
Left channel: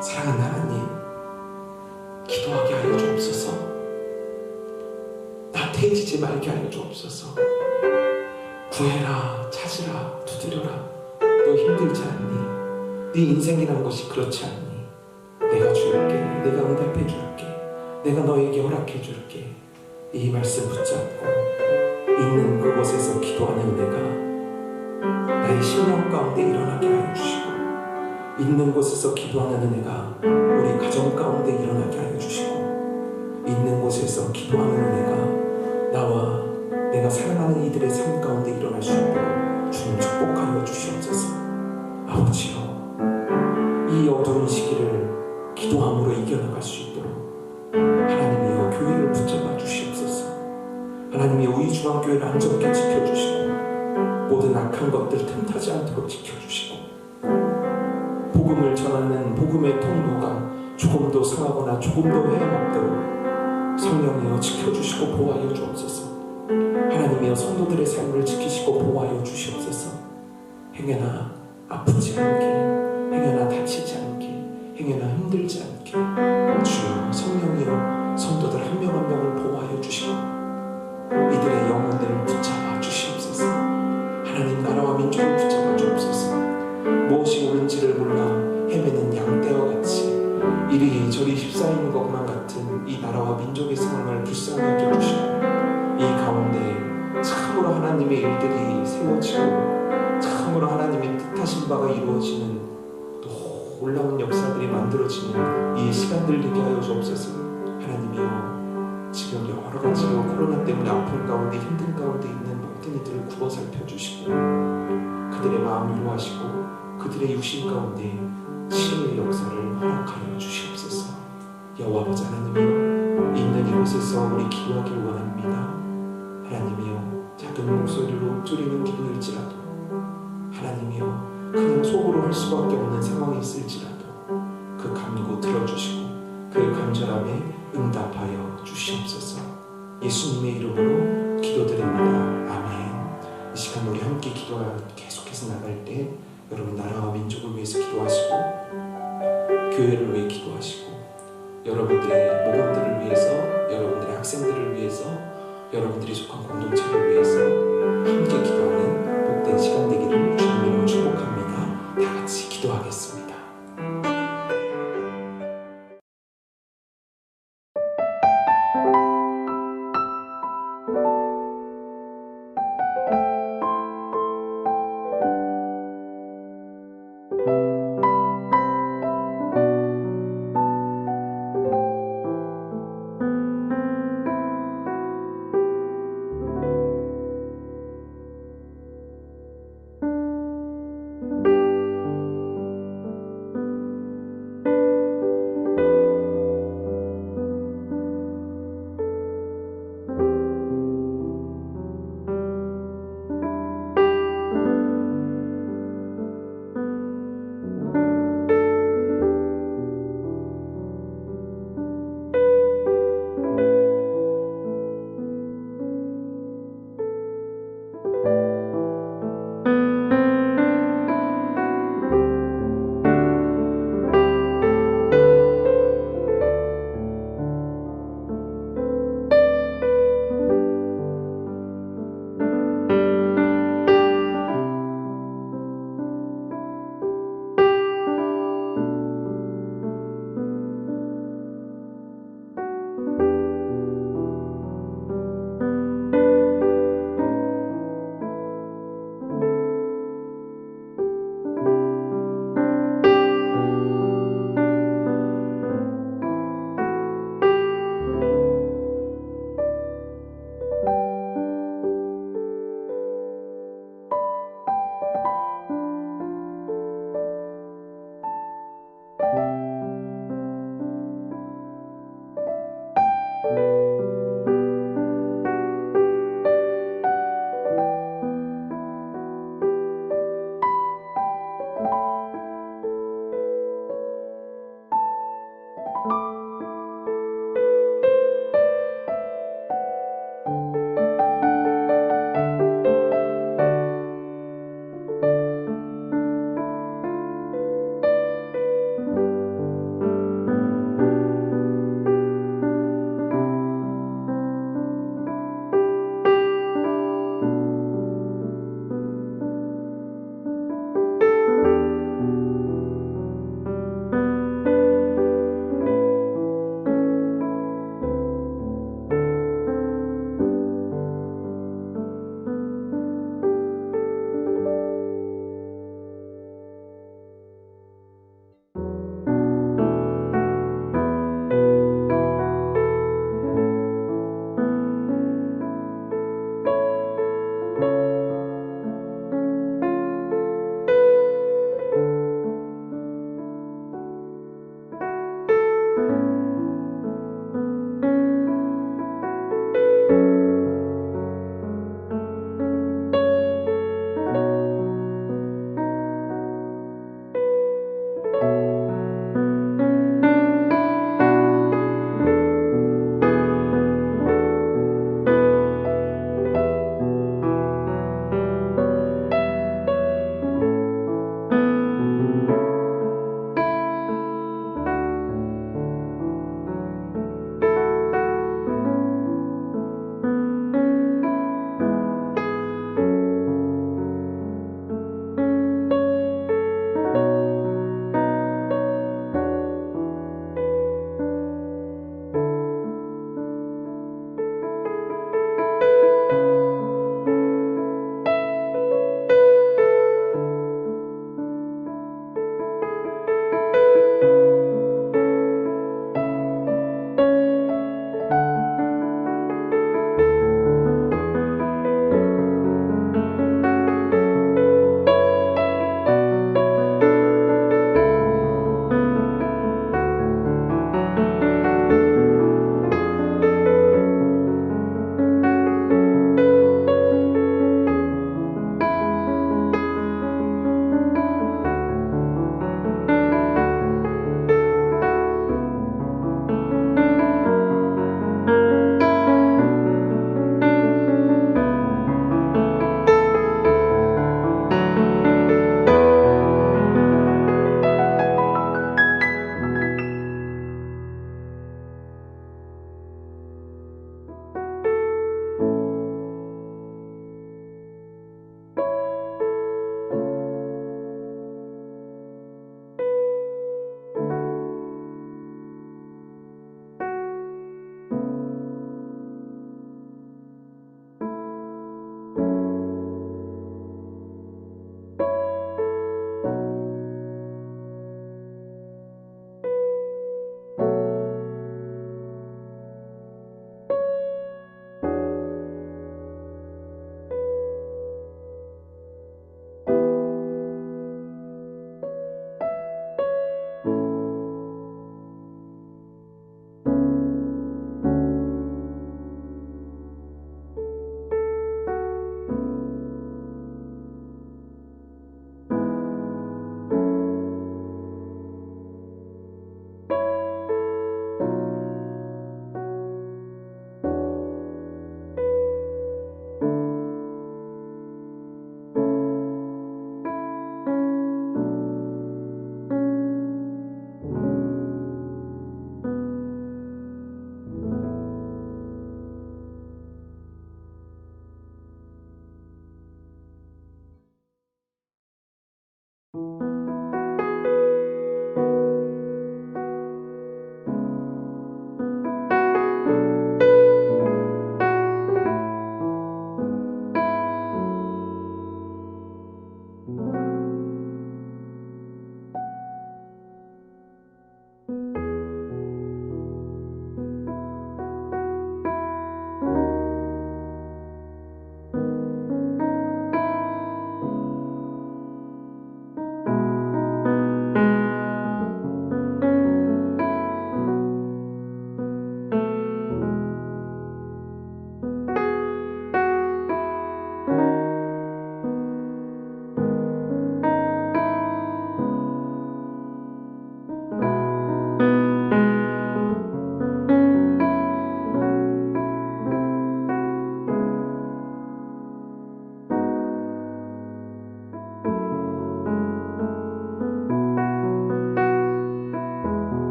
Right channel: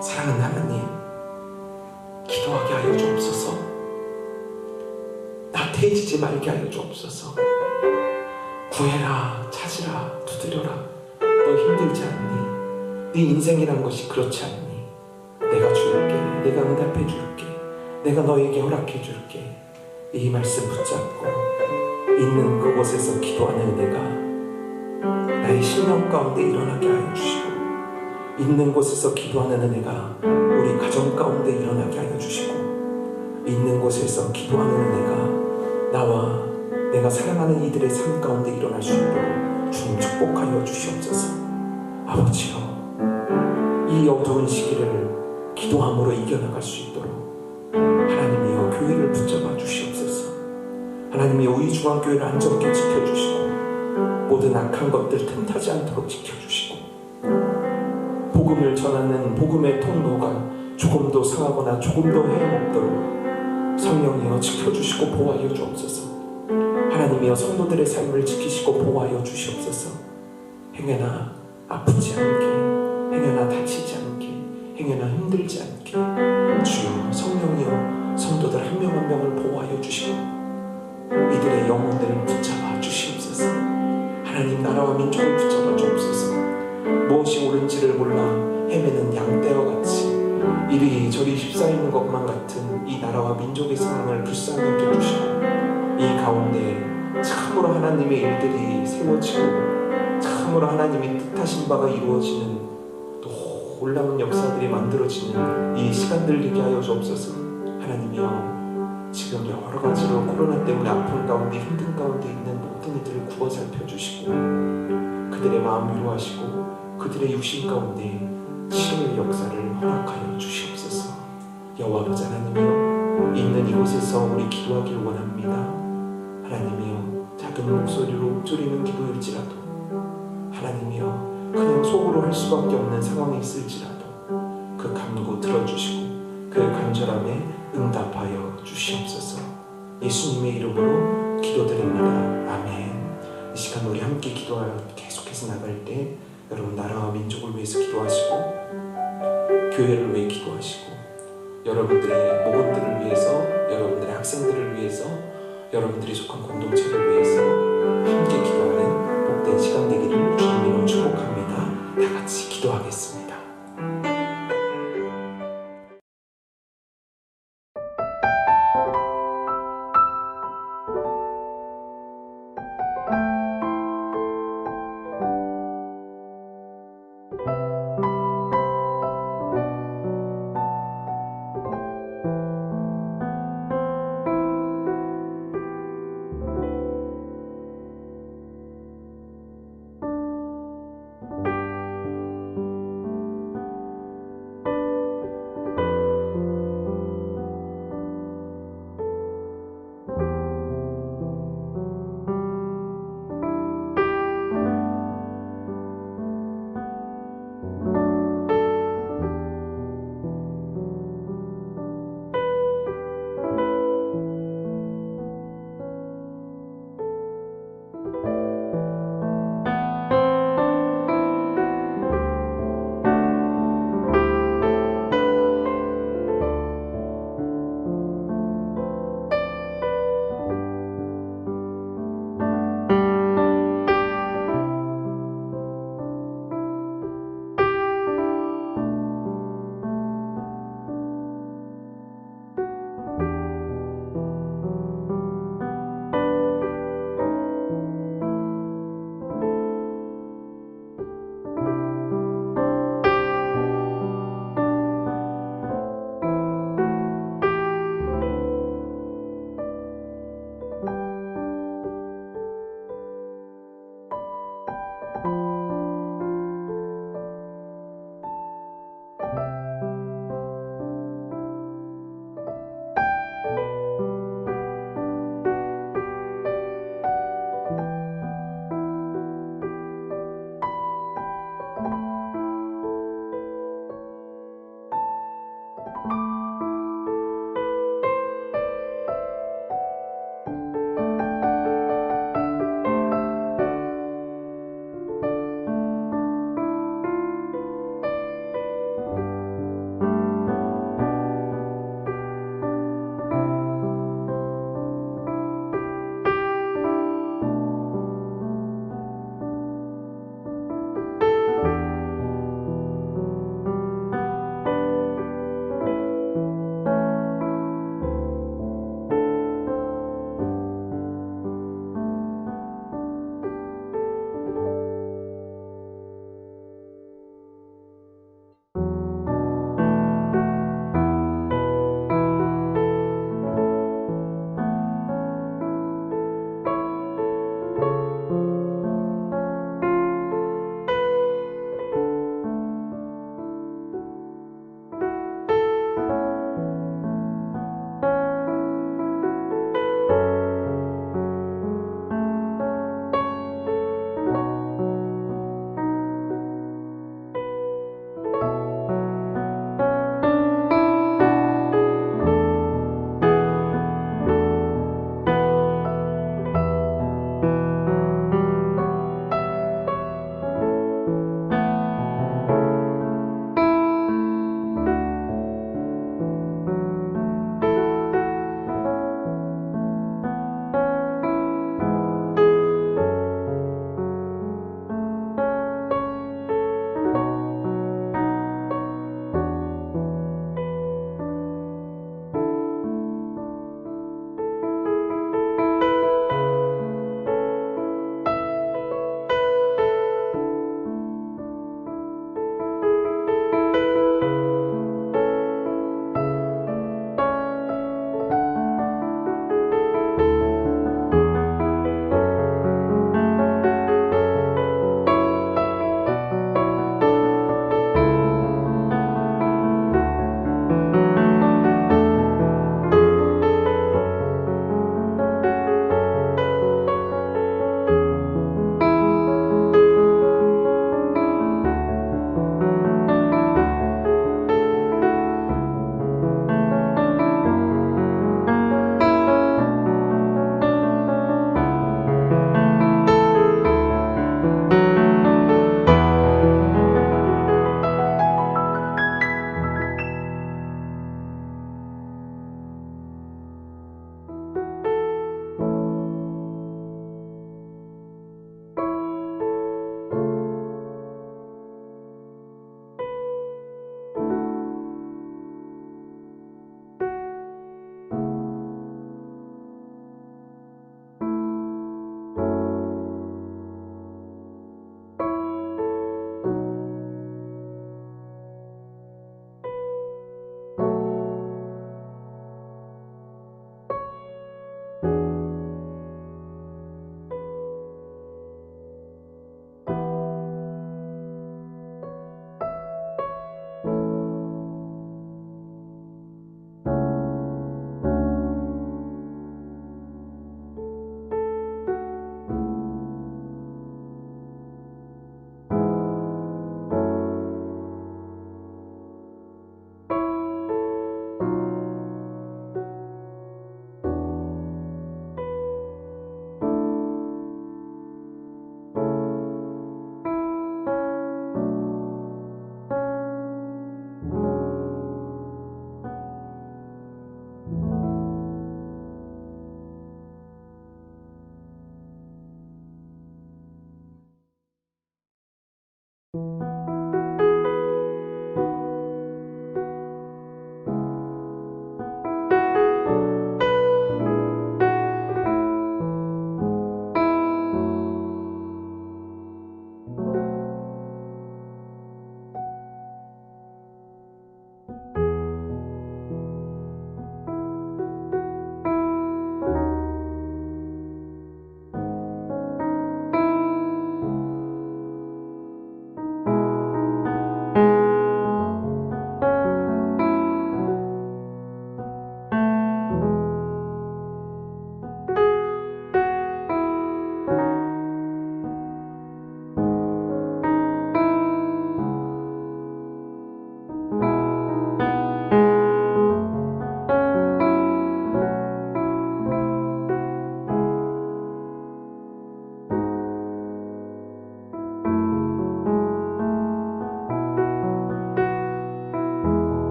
사랑하는 하나님 기도하게 하여 주옵소서. 나태해지지 말게 하여 주옵소서. 구해라 찾으라 두드려라. 너 힘들지 않니? 네 인생이란 것이 그렇지 않니? 내가 줄게. 내가 응답해 줄게. 내가 너에게 허락해 줄게. 이 말씀 붙잡고 있는 그곳에서 기도하는 은혜가 나의 심령 가운데 일어나게 하여 주시고 있는 곳에서 기도하는 은혜가 우리 가정 가운데 일어나게 하여 주시고 있는 곳에서 기도하는 은혜가 나와 내가 사랑하는 이들의 삶 가운데 일어날 수 있도록 주님 축복하여 주시옵소서. 아버지여 이 어두운 시기를 기도함으로 이겨나갈 수 있도록 하나님이여 교회를 붙잡아 주시옵소서. 하나님이여 우리 중앙교회를 안전케 지켜주시고 모든 악한 것들 틈타지 않도록 지켜주시고 복음을 전하는 복음의 통로가 조금도 상하거나 조금도 해먹도록 성령이여 지켜주시고 보호하여 주옵소서. 하나님이여 성도들의 삶을 지키시고 보호하여 주시옵소서. 행여나 아프지 않게 행여나 다치지 않게 행여나 힘들지 않게 주여 성령이여 성도들 한 명 한 명을 보호하여 주시고 이들의 영혼들을 붙잡아 주시옵소서. 하나님 나라와 민족을 붙잡아 주옵소서. 무엇이 옳은지를 몰라 헤매는 양떼와 같이 이리저리 휩싸이는 것만 같은 이 나라와 민족의 상황을 불쌍히 여겨주시고 이 가운데 참으로 하나님의 일들이 세워지고 참으로 하나님의 뜻하신 바가 이루어지는 놀라운 역사들이 만들어지는 이 시간들 되게 하여 주옵소서. 하나님이여 지금 여러 가지로 코로나 때문에 아픈 가운데 힘든 가운데 있는 모든 이들을 구워 살펴주시고 그들의 마음 위로하시고 그들의 육신 가운데 치유의 역사를 허락하여 주시옵소서. 여호와 아버지 하나님이여 있는 이곳에서 우리 기도하길 원합니다. 하나님이여 작은 목소리로 줄이는 기도일지라도 하나님이여 그냥 속으로 할 수밖에 없는 상황이 있을지라도 그 간구 들어주시고 그 간절함에 응답하여 주시옵소서. 예수님의 이름으로 기도드립니다. 아멘. 이 시간 우리 함께 기도하여 계속해서 나갈 때 여러분 나라와 민족을 위해서 기도하시고 교회를 위해 기도하시고 여러분들의 모범들을 위해서 여러분들의 학생들을 위해서 여러분들이 속한 공동체를 위해서 함께 기도하는 복된 시간 되기를 주님으로 축복합니다. 다 같이 기도하겠습니다.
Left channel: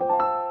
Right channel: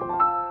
아